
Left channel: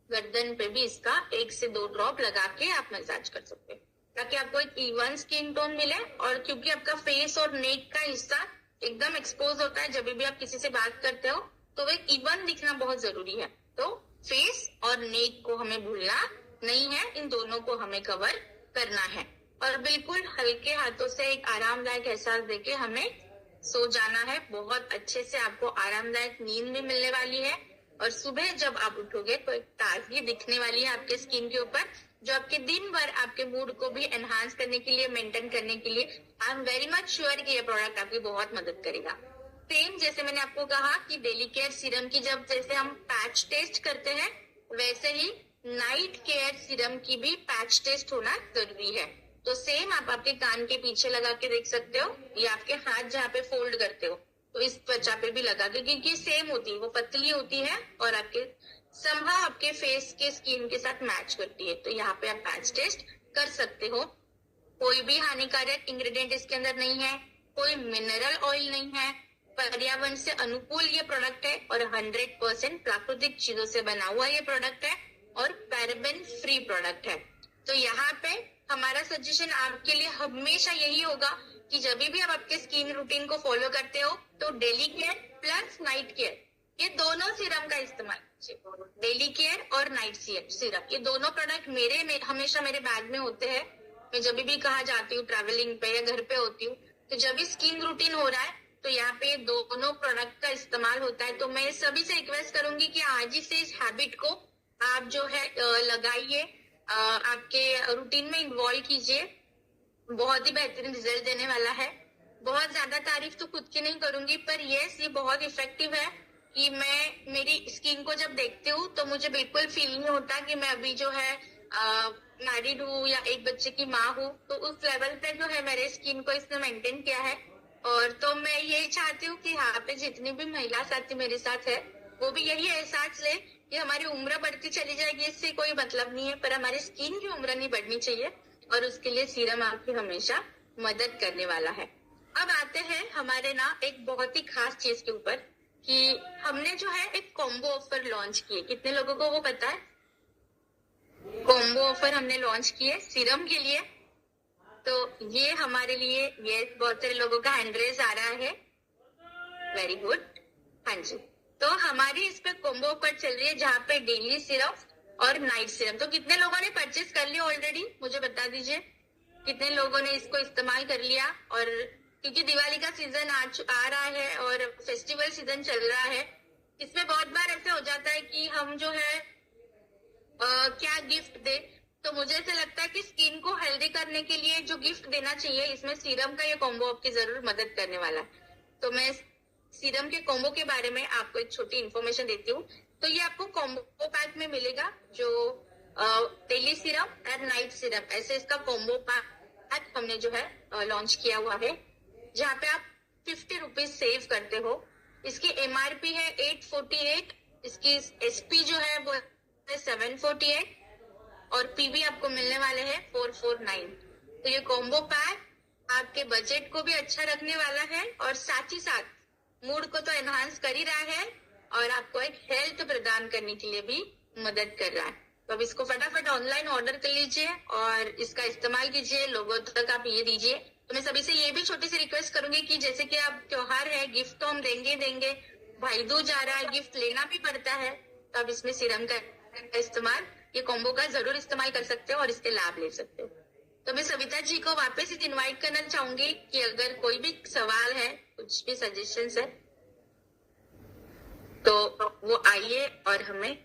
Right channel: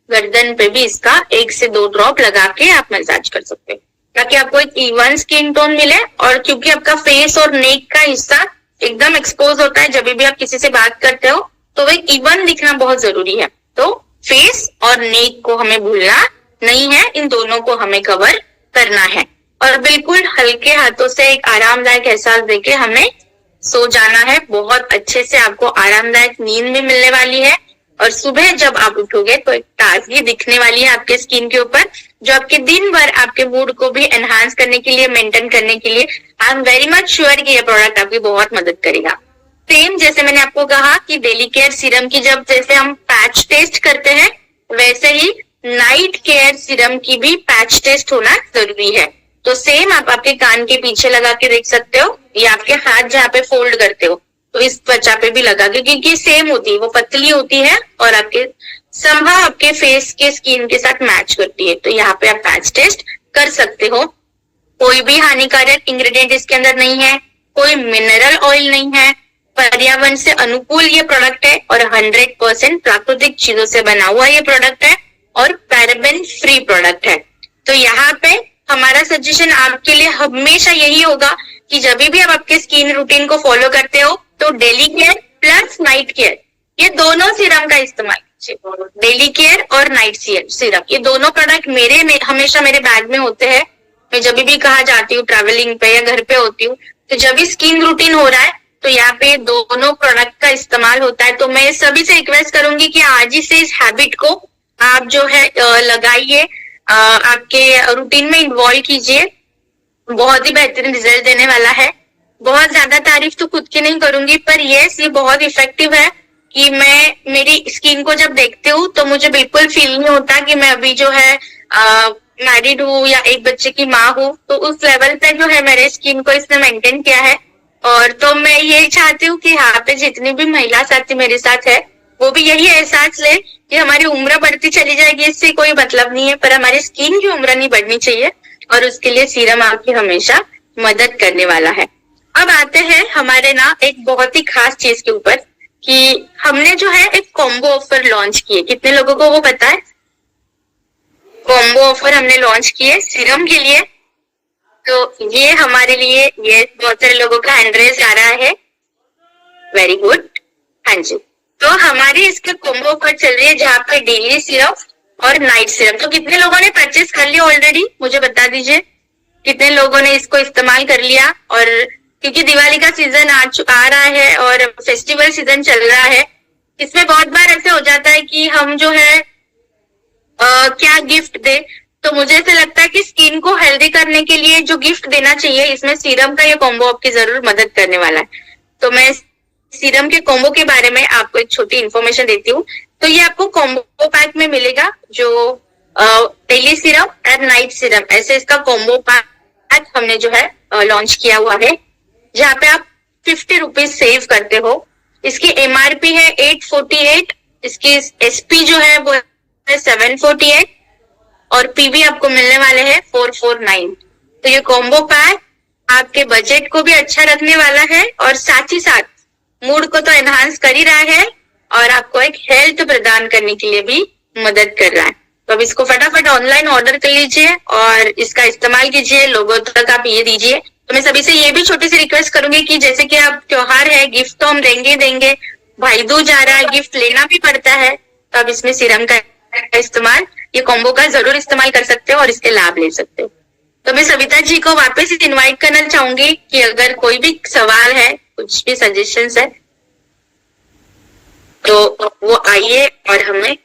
गर्दन पे भी इसका 1 से 2 ड्रॉप लगा के आप मसाज कर सकते हो, ताकि आपको एक इवन स्किन टोन मिले। और क्योंकि आपका फेस और नेक का हिस्सा एकदम एक्सपोज होता है, जब भी आप किसी से बात करते हो तो वो एक इवन दिखना बहुत जरूरी है। तो फेस और नेक को हमें भूलना नहीं है, इन दोनों को हमें कवर करना है। और बिल्कुल हल्के हाथों से एक आरामदायक एहसास देके हमें सो जाना है। बहुत अच्छे से आपको आरामदायक नींद भी मिलने वाली है और सुबह जब आप उठोगे तो एक ताजगी दिखने वाली है आपके स्किन के ऊपर, जो आपके दिन भर आपके मूड को भी एनहांस करने के लिए, मेंटेन करने के लिए I am very much sure कि ये प्रोडक्ट आपकी बहुत मदद करेगा। सेम जैसे मैंने आपको कहा कि डेली केयर सीरम की जब जैसे हम पैच टेस्ट करते हैं, वैसे ही नाइट केयर सीरम की भी पैच टेस्ट होना जरूरी है। तो सेम आप आपके कान के पीछे लगा के देख सकते हो या आपके हाथ जहाँ पे फोल्ड करते हो तो इस त्वचा पे भी लगा के, क्योंकि सेम होती है, वो पतली होती है और आपके संभव आपके फेस के स्किन के साथ मैच करती है। तो यहाँ पे आप पैच टेस्ट कर सकते हो। कोई भी हानिकारक इंग्रेडिएंट इसके अंदर नहीं है, कोई मिनरल ऑयल नहीं है, पर्यावरण से अनुकूल ये प्रोडक्ट है और 100% प्राकृतिक चीजों से बना हुआ ये प्रोडक्ट है और पैराबेन फ्री प्रोडक्ट है। तो यहाँ पे हमारा सजेशन आपके लिए हमेशा यही होगा कि जब भी आप आपके स्किन रूटीन को फॉलो करते हो तो daily care plus night care, ये दोनों सीरम का इस्तेमाल कीजिए। डेली केयर और नाइट सीरम, ये दोनों प्रोडक्ट हमेशा मेरे बैग में होते हैं। मैं जब भी कहाँ जाती हूँ, ट्रैवलिंग पे या घर पे होती हूँ, तो जब भी स्किन रूटीन हो रहा है तो यहाँ पे दोनों प्रोडक्ट का इस्तेमाल होता है। तो मैं सभी से रिक्वेस्ट करूंगी कि आज ही से इस हैबिट को आप जो है लगाइए, आपके रूटीन में इन्वॉल्व कीजिए, बहुत ही बेहतरीन रिजल्ट देने वाला है। बहुत ज्यादा तारीफ तो खुद की नहीं करूंगी, पर यस ये बहुत इफेक्टिव है कि मैं मेरी स्किन को जब देखती हूँ तो मुझे बिल्कुल फील नहीं होता कि मैं अभी जो है मैरिड हूँ या एक बच्चे की माँ हूँ। तो उस लेवल पे जो है मेरे स्किन को इसने मेंटेन किया है। और तो मैं ये चाहती हूँ कि यहाँ पे जितनी भी महिला साथी मेरे साथ है वो भी यही एहसास ले कि हमारी उम्र बढ़ती चली जाएगी, इससे कोई मतलब नहीं है, पर हमारी स्किन की उम्र नहीं बढ़नी चाहिए और उसके लिए सीरम आपकी हमेशा मदद करने वाला है। अब आते हैं हमारे ना एक बहुत ही खास चीज के ऊपर कि हमने जो है एक कॉम्बो ऑफर लॉन्च किए। कितने लोगों को वो पता है? कॉम्बो ऑफर हमने लॉन्च किए सीरम के लिए। तो ये हमारे लिए, ये बहुत सारे लोगों का हैंड रेज आ रहा है, वेरी गुड, हाँ जी। तो हमारी इसके कॉम्बो ऑफर चल रही है जहाँ पे डेली सीरम और नाइट सीरम। तो कितने लोगों ने परचेस कर लिया ऑलरेडी, मुझे बता दीजिए कितने लोगों ने इसको इस्तेमाल कर लिया। और क्योंकि दिवाली का सीजन आ रहा है और फेस्टिवल सीजन चल रहा है, इसमें बहुत बार ऐसे हो जाता है कि हम जो है क्या गिफ्ट दे, तो मुझे ऐसा लगता है कि स्किन को हेल्दी करने के लिए जो गिफ्ट देना चाहिए, इसमें सीरम का ये कॉम्बो आपकी जरूर मदद करने वाला है। तो मैं सीरम के कॉम्बो के बारे में आपको एक छोटी इन्फॉर्मेशन देती हूँ। तो ये आपको कॉम्बो पैक में मिलेगा, जो डेली सीरम और नाइट सीरम, ऐसे इसका कॉम्बो पैक हमने जो है लॉन्च किया हुआ है, जहाँ पे आप 50 रुपीज सेव करते हो। इसकी एमआरपी है 848, इसकी एसपी जो है वो है 748 और पीवी आपको मिलने वाले हैं 449। तो ये कॉम्बो पैक आपके बजट को भी अच्छा रखने वाला है और साथ ही साथ मूड को तो एनहांस कर ही रहा है और आपको एक हेल्थ प्रदान करने के लिए भी मदद कर रहा है। तो अब इसको फटाफट ऑनलाइन ऑर्डर कर लीजिए और इसका इस्तेमाल कीजिए, लोगों तक आप ये दीजिए। तो मैं सभी से ये भी छोटी सी रिक्वेस्ट करूंगी कि जैसे कि अब त्योहार है, गिफ्ट तो हम देंगे, भाई दूज आ रहा है, गिफ्ट लेना भी पड़ता है, तो अब इसमें सीरम का इस्तेमाल, ये कॉम्बो का जरूर इस्तेमाल कर सकते हो और इसके लाभ ले सकते हो। तो मैं सविता जी को वापस इनवाइट करना चाहूंगी कि अगर कोई भी सवाल है, कुछ भी सजेशंस है, तो वो आइए और हमें।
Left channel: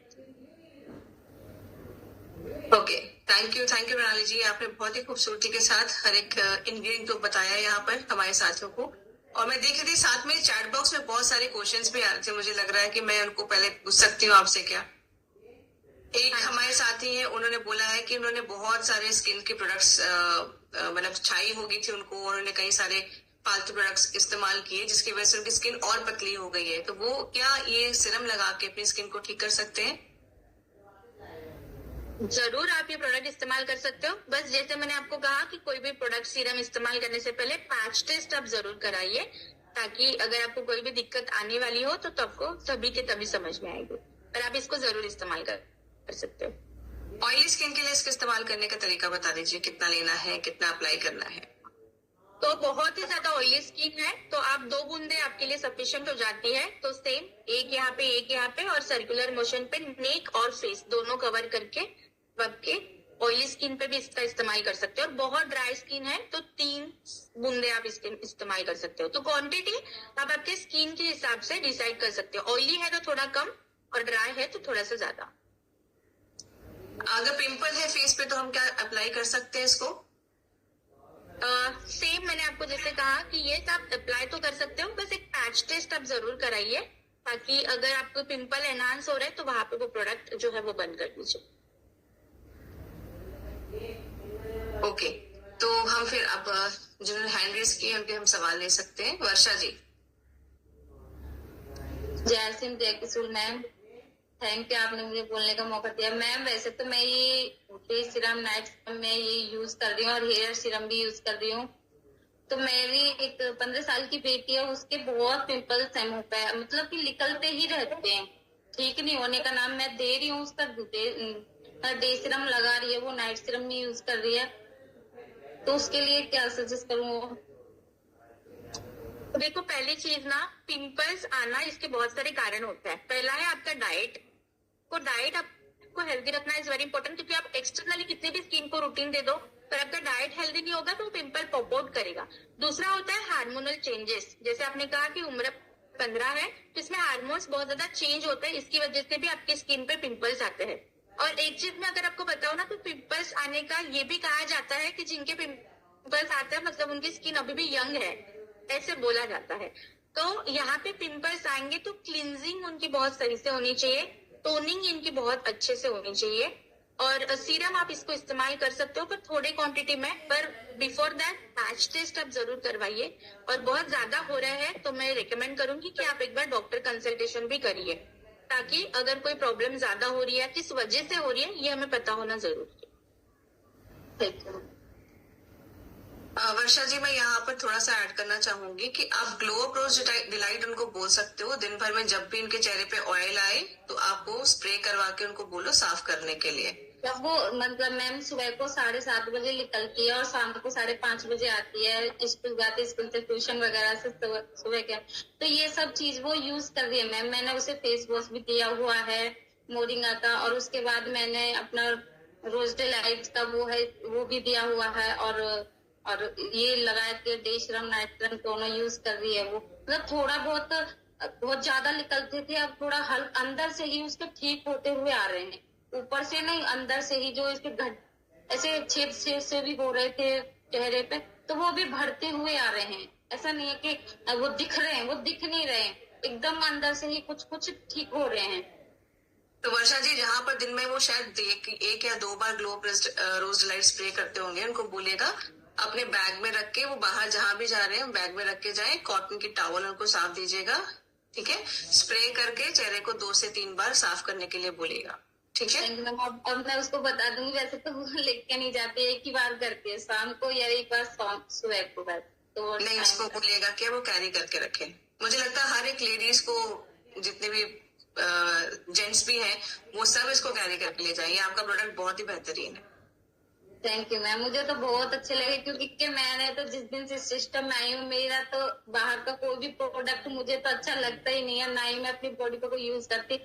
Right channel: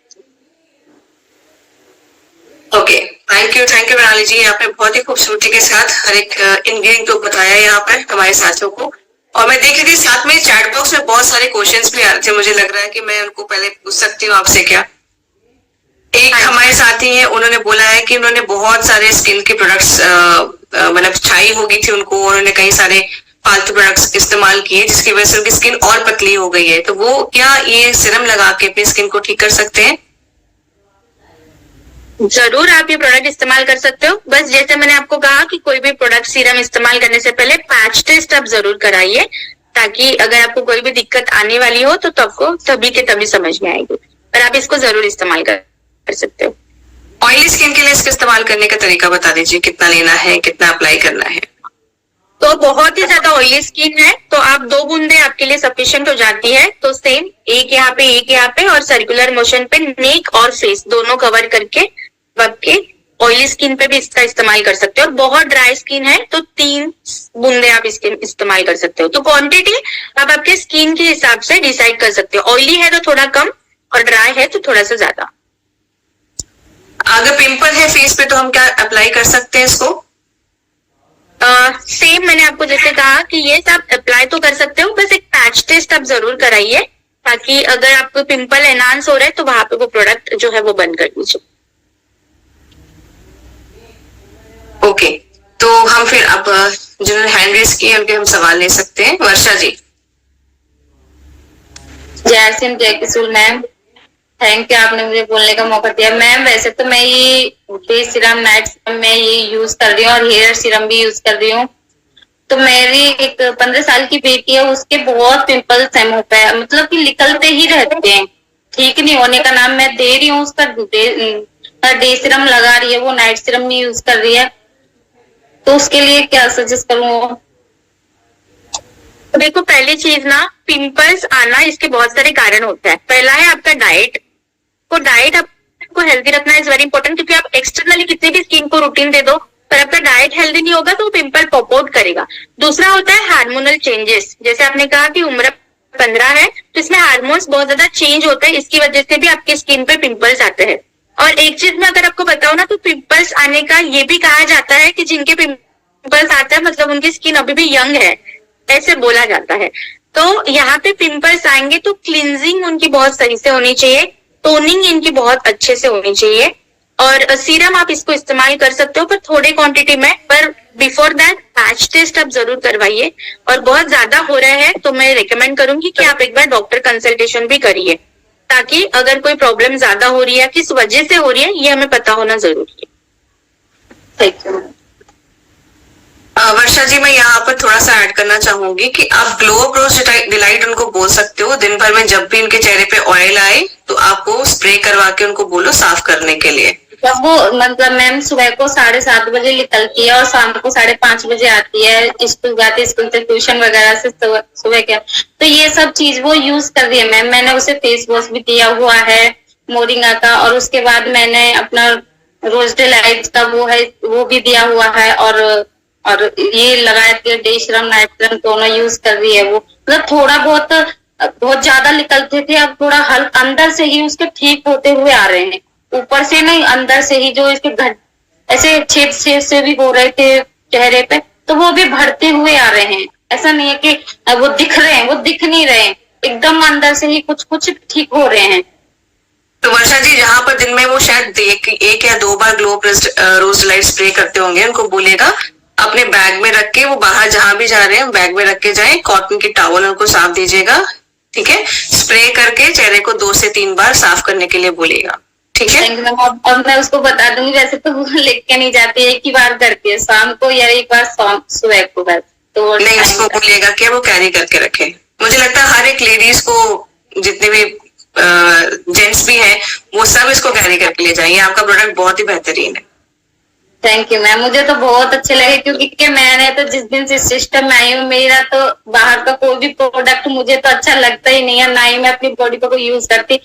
ओके, थैंक यू प्रणाली जी, आपने बहुत ही खूबसूरती के साथ हर एक इंग्रेडिएंट को बताया यहाँ पर हमारे साथियों को। और मैं देख रही थी साथ में चैट बॉक्स में बहुत सारे क्वेश्चंस भी आ रहे थे, मुझे लग रहा है कि मैं उनको पहले पूछ सकती हूँ आपसे क्या। एक हमारे साथी हैं, उन्होंने बोला है कि उन्होंने बहुत सारे स्किन के प्रोडक्ट्स मतलब छाई हो गई थी उनको, उन्होंने कई सारे फालतू प्रोडक्ट्स इस्तेमाल किए जिसकी वजह से उनकी स्किन और पतली हो गई है, तो वो क्या ये सीरम लगा के अपनी स्किन को ठीक कर सकते हैं? जरूर आप ये प्रोडक्ट इस्तेमाल कर सकते हो। बस जैसे मैंने आपको कहा कि कोई भी प्रोडक्ट सीरम इस्तेमाल करने से पहले पैच टेस्ट आप जरूर कराइए, ताकि अगर आपको कोई भी दिक्कत आने वाली हो तो आपको तभी के तभी समझ में आएगी। पर आप इसको जरूर इस्तेमाल कर सकते हो। ऑयली स्किन के लिए इसका इस्तेमाल करने का तरीका बता दीजिए, कितना लेना है, कितना अप्लाई करना है? तो बहुत ही ज्यादा ऑयली स्किन है तो आप 2 बूंदे आपके लिए सफिशिएंट हो जाती है। तो सेम एक यहाँ पे और सर्कुलर मोशन पे नेक और फेस दोनों कवर करके आपके ऑयली स्किन पे भी इसका इस्तेमाल कर सकते हो। और बहुत ड्राई स्किन है तो 3 बूंदे आप इसके इस्तेमाल कर सकते हो। तो क्वांटिटी आप आपके स्किन के हिसाब से डिसाइड कर सकते हो। ऑयली है तो थोड़ा कम और ड्राई है तो थोड़ा सा ज्यादा। अगर पिंपल है फेस पे तो हम क्या अप्लाई कर सकते हैं इसको? सेम मैंने आपको जैसे कहा कि ये सब अप्लाई तो कर सकते हो, बस एक पैच टेस्ट आप जरूर कराइए, ताकि अगर आपको पिंपल एनहांस हो रहा है तो वहां पे वो प्रोडक्ट जो है वो बंद कर दीजिए। ओके, तो हम फिर अब जिन्होंने हैंड रेस किए उनके हम सवाल ले सकते हैं। वर्षा जी। जय सिंह, जय किशोर मैम, थैंक यू आपने मुझे बोलने का मौका दिया। मैम वैसे तो मैं ये फेस सीरम, नाइट सीरम में ये यूज कर रही हूँ और हेयर सीरम भी यूज कर रही हूँ। तो मेरी एक 15 साल की बेटी है, उसके बहुत पिंपल्स हैं मुंह पे, मतलब कि निकलते ही रहते हैं, ठीक नहीं होने का नाम। मैं दे रही हूँ उसका डे सीरम लगा रही है, वो नाइट सीरम नहीं यूज कर रही है, तो उसके लिए क्या सजेस्ट करूँ? देखो, पहली चीज ना, पिंपल्स आना इसके बहुत सारे कारण होते हैं। पहला है आपका डाइट। तो डाइट आपको हेल्दी रखना इज वेरी इंपॉर्टेंट, क्योंकि आप एक्सटर्नली कितनी भी स्किन को रूटीन दे दो पर आपका डाइट हेल्दी नहीं होगा तो वो पिंपल पॉप आउट करेगा। दूसरा होता है हार्मोनल चेंजेस। जैसे आपने कहा कि उम्र 15 है तो इसमें हार्मोन्स बहुत ज्यादा चेंज होते हैं, इसकी वजह से भी आपके स्किन पे पिंपल्स आते हैं। और एक चीज मैं अगर आपको बताऊं ना, तो पिंपल्स आने का ये भी कहा जाता है कि जिनके पिंपल्स आते हैं मतलब उनकी स्किन अभी भी यंग है, ऐसे बोला जाता है। तो यहाँ पे पिंपल्स आएंगे तो क्लींजिंग उनकी बहुत सही से होनी चाहिए, टोनिंग इनकी बहुत अच्छे से होनी चाहिए। और सीरम आप इसको इस्तेमाल कर सकते हो पर थोड़े क्वांटिटी में, पर बिफोर दैट पैच टेस्ट आप जरूर करवाइए। और बहुत ज्यादा हो रहा है तो मैं रिकमेंड करूंगी कि आप एक बार डॉक्टर कंसल्टेशन भी करिए, ताकि अगर कोई प्रॉब्लम ज्यादा हो रही है, किस वजह से हो रही है, ये हमें पता होना जरूरी है। Thank you. वर्षा जी, मैं यहाँ पर थोड़ा सा ऐड करना चाहूंगी कि आप ग्लो अप्रोच डिलाइट उनको बोल सकते हो। दिन भर में जब भी उनके चेहरे पे ऑयल आए तो आप वो स्प्रे करवा के उनको बोलो साफ करने के लिए। जब वो मतलब मैम सुबह को 7:30 बजे निकलती है और शाम को 5:30 बजे आती है, स्कूल जाती है, स्कूल से ट्यूशन वगैरह से सुबह के, तो ये सब चीज वो यूज कर रही है मैम। मैंने उसे फेस वॉश भी दिया हुआ है मोरिंगा का, और उसके बाद मैंने अपना रोज डिलाइट का वो भी दिया हुआ है, और ये लगाए थे डे सीरम नाइट सीरम दोनों यूज कर रही है वो। मतलब थोड़ा बहुत ज्यादा निकलते थे, अब थोड़ा हल्का अंदर से ही उसके ठीक होते हुए आ रहे हैं, ऊपर से नहीं, अंदर से ही जो इसके ऐसे छेद से भी हो रहे थे चेहरे पे, तो वो भी भरते हुए आ रहे हैं। ऐसा नहीं है कि वो दिख रहे हैं, वो दिख नहीं रहे हैं, एकदम अंदर से ही कुछ ठीक हो रहे हैं। तो वर्षा जी, जहाँ पर दिन में वो शायद एक या 2 बार ग्लो रोज डिलाइट स्प्रे करते होंगे, उनको बोलेगा अपने बैग में रख के, वो बाहर जहां भी जा रहे हैं बैग में रख के जाए, कॉटन की टॉवल उनको साफ दीजिएगा, ठीक है? स्प्रे करके चेहरे को 2 से 3 बार साफ करने के लिए बोलिएगा, ठीक है? और मैं उसको बता दूंगी, वैसे तो वो लेके नहीं जाती, एक ही बार करती है शाम को या एक बार सुबह को, बस। तो नहीं, उसको बोलिएगा कि वो कैरी करके रखे। मुझे लगता है हर एक लेडीज को, जितने भी जेंट्स भी हैं, वो सब इसको कैरी करके ले जाएंगे। आपका प्रोडक्ट बहुत ही बेहतरीन है। थैंक यू मैम, मुझे तो बहुत अच्छे लगे क्योंकि मैंने तो जिस दिन से सिस्टम में आई हूँ, मेरा तो बाहर का कोई भी प्रोडक्ट मुझे तो अच्छा लगता ही नहीं है, ना ही मैं अपनी बॉडी पर कोई यूज करती।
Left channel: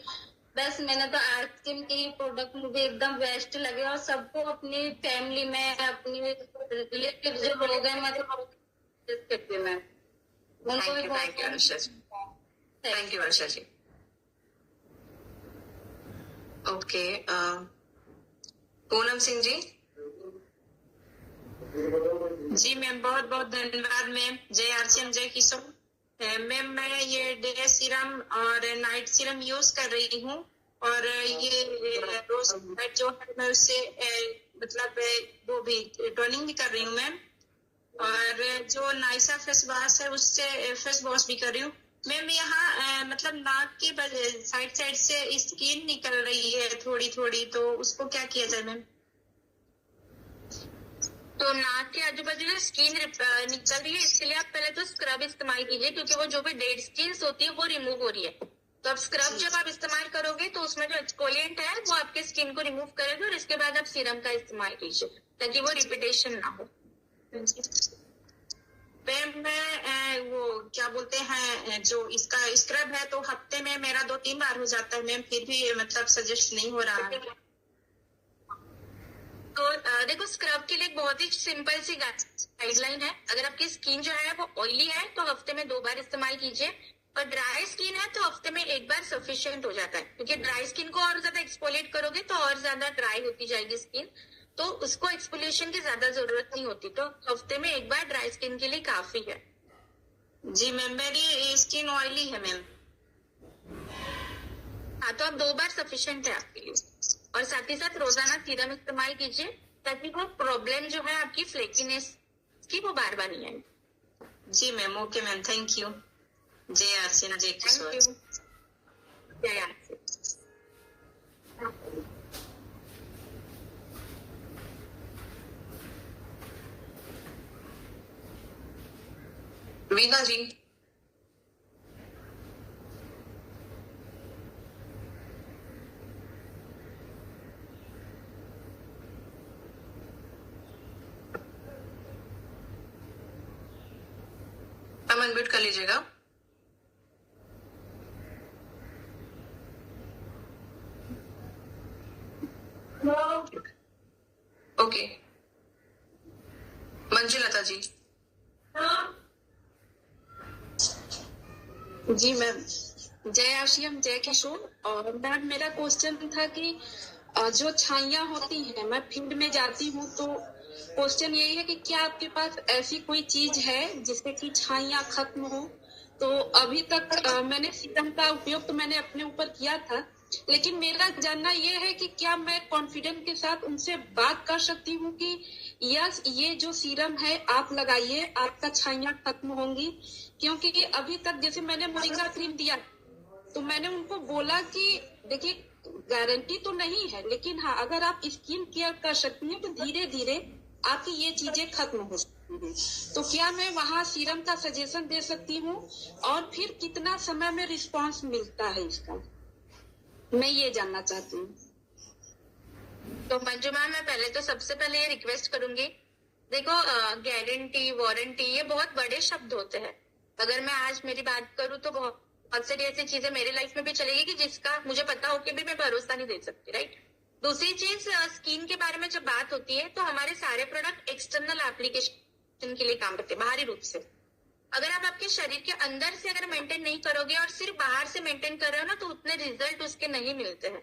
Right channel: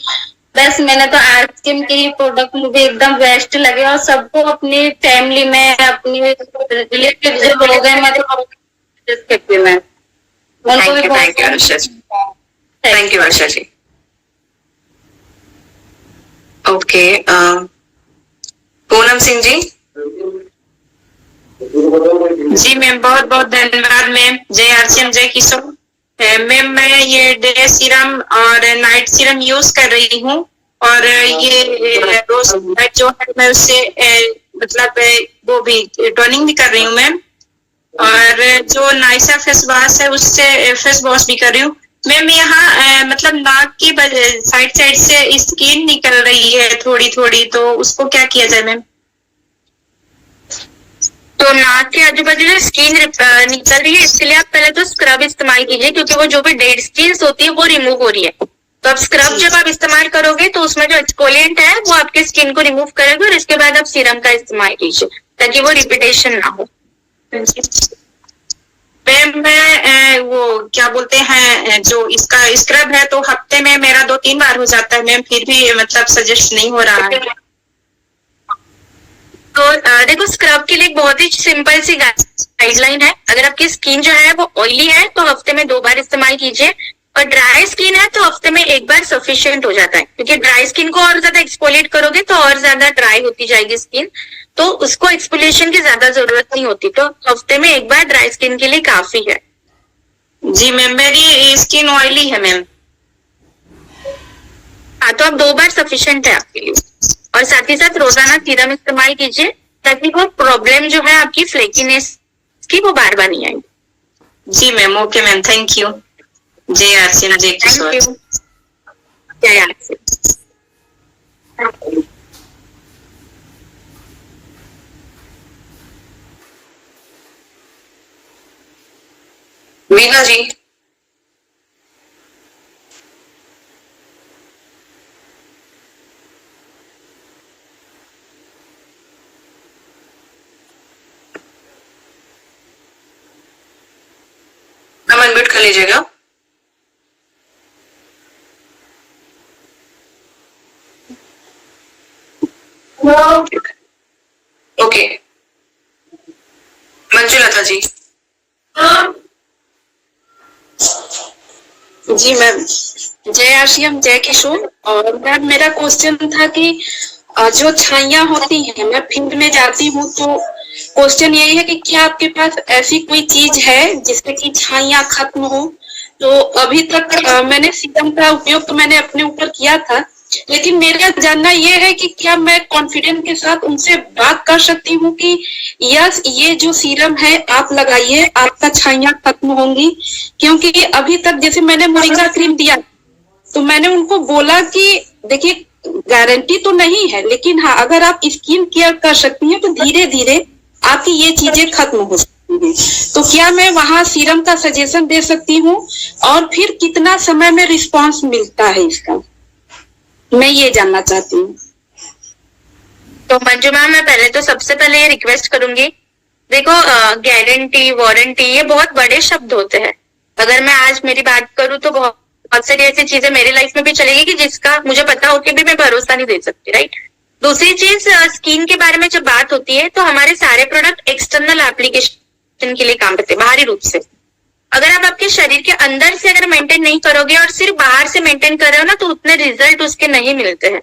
बस मैंने तो आर्टस्किन के ही प्रोडक्ट मुझे एकदम बेस्ट लगे और सबको अपनी फैमिली में, अपनी रिलेटिव जो लोग हैं, मैं तो करती हूँ ma'am. Thank you Varsha ji. Thank you Varsha ji. Okay, Poonam Singh ji. जी मैम, बहुत बहुत धन्यवाद मैम। जय आरसीएम, जय किशोर। मैम मैं ये डे सीरम और नाइट सीरम यूज कर रही हूँ और ये रोज जो है मैं उससे मतलब वो भी टोनिंग भी कर रही हूँ मैम, और जो नाइसा फेस वॉश है उससे फेस वॉश भी कर रही हूँ मैम। यहाँ मतलब नाक की साइड साइड से स्किन निकल रही है थोड़ी थोड़ी, तो उसको क्या किया जाए मैम? तो नाक के आजू बाजू जो स्किन निकल रही है, इसके लिए आप पहले तो स्क्रब इस्तेमाल कीजिए, क्योंकि वो जो भी डेड स्किन होती है वो रिमूव हो रही है। तो अब स्क्रब जब आप इस्तेमाल करोगे तो उसमें जो एक्सफोलिएंट है वो आपके स्किन को रिमूव करेगा, और इसके बाद आप सीरम का इस्तेमाल कीजिए ताकि वो रिपीटेशन ना हो। मैम मैं वो क्या बोलते हैं, जो इसका स्क्रब है तो हफ्ते में मेरा 2-3 बार हो जाता है मैम, फिर भी मतलब सजेस्ट नहीं हो रहा है। तो देखो, स्क्रब के लिए एक बहुत ही सिंपल सी गाइडलाइन है। अगर आपकी स्किन जो है वो ऑयली है तो हफ्ते में 2 बार इस्तेमाल कीजिए, और ड्राई स्किन है तो हफ्ते में 1 बार सफिशिएंट हो जाता है, क्योंकि ड्राई स्किन को और ज्यादा एक्सफोलिएट करोगे तो और ज्यादा ड्राई होती जाएगी स्किन, तो उसको एक्सफोलिएशन की ज्यादा जरूरत नहीं होती। तो हफ्ते में 1 बार ड्राई स्किन के लिए काफी है। जी मैम, मेरी स्किन ऑयली है मैम। हाँ, तो अब 2 बार सफिशिएंट है आपके लिए, और साथ ही साथ रोजाना सीरम इस्तेमाल कीजिए ताकि वो प्रॉब्लम जो है आपकी फ्लेकीनेस की वो बार बार नहीं आएगी। जी ma'am, okay ma'am, thank you. जय आरसीएम, जय किशोर। Thank you. जय आरसीएम। वीना जी। हम अनम्यूट कर लीजिएगा। ओके, मंजुलता जी। जी मैम, जय आरसीएम, जय किशोर। और मैम मेरा क्वेश्चन था कि जो छाइयाँ होती हैं, मैं फील्ड में जाती हूँ तो क्वेश्चन यही है कि क्या आपके पास ऐसी कोई चीज है जिससे कि छाइयाँ खत्म हो? तो अभी तक मैंने सीरम का उपयोग तो मैंने अपने ऊपर किया था, लेकिन मेरा जानना ये है कि क्या मैं कॉन्फिडेंस के साथ उनसे बात कर सकती हूँ कि यस, ये जो सीरम है आप लगाइए, आपका छाइयाँ खत्म होंगी? क्योंकि अभी तक जैसे मैंने मोरिंगा क्रीम दिया तो मैंने उनको बोला कि देखिए गारंटी तो नहीं है, लेकिन हाँ अगर आप स्किन केयर कर सकती हैं तो धीरे धीरे आपकी ये चीजें खत्म हो सकती हैं। तो क्या मैं वहाँ सीरम का सजेशन दे सकती हूँ, और फिर कितना समय में रिस्पांस मिलता है इसका, मैं ये जानना चाहती हूँ। तो मंजू मैम, मैं पहले तो सबसे पहले ये रिक्वेस्ट करूंगी, देखो गारंटी, वारंटी ये बहुत बड़े शब्द होते हैं। अगर मैं आज मेरी बात करूं तो बहुत सारी ऐसी चीजें मेरी लाइफ में भी चलेगी कि जिसका मुझे पता हो कि भी मैं भरोसा नहीं दे सकती, राइट। दूसरी चीज, स्किन के बारे में जब बात होती है तो हमारे सारे प्रोडक्ट एक्सटर्नल एप्लीकेशन के लिए काम करते हैं, बाहरी रूप से। अगर आप आपके शरीर के अंदर से अगर मेंटेन नहीं करोगे और सिर्फ बाहर से मेंटेन कर रहे हो ना, तो उतने रिजल्ट उसके नहीं मिलते हैं।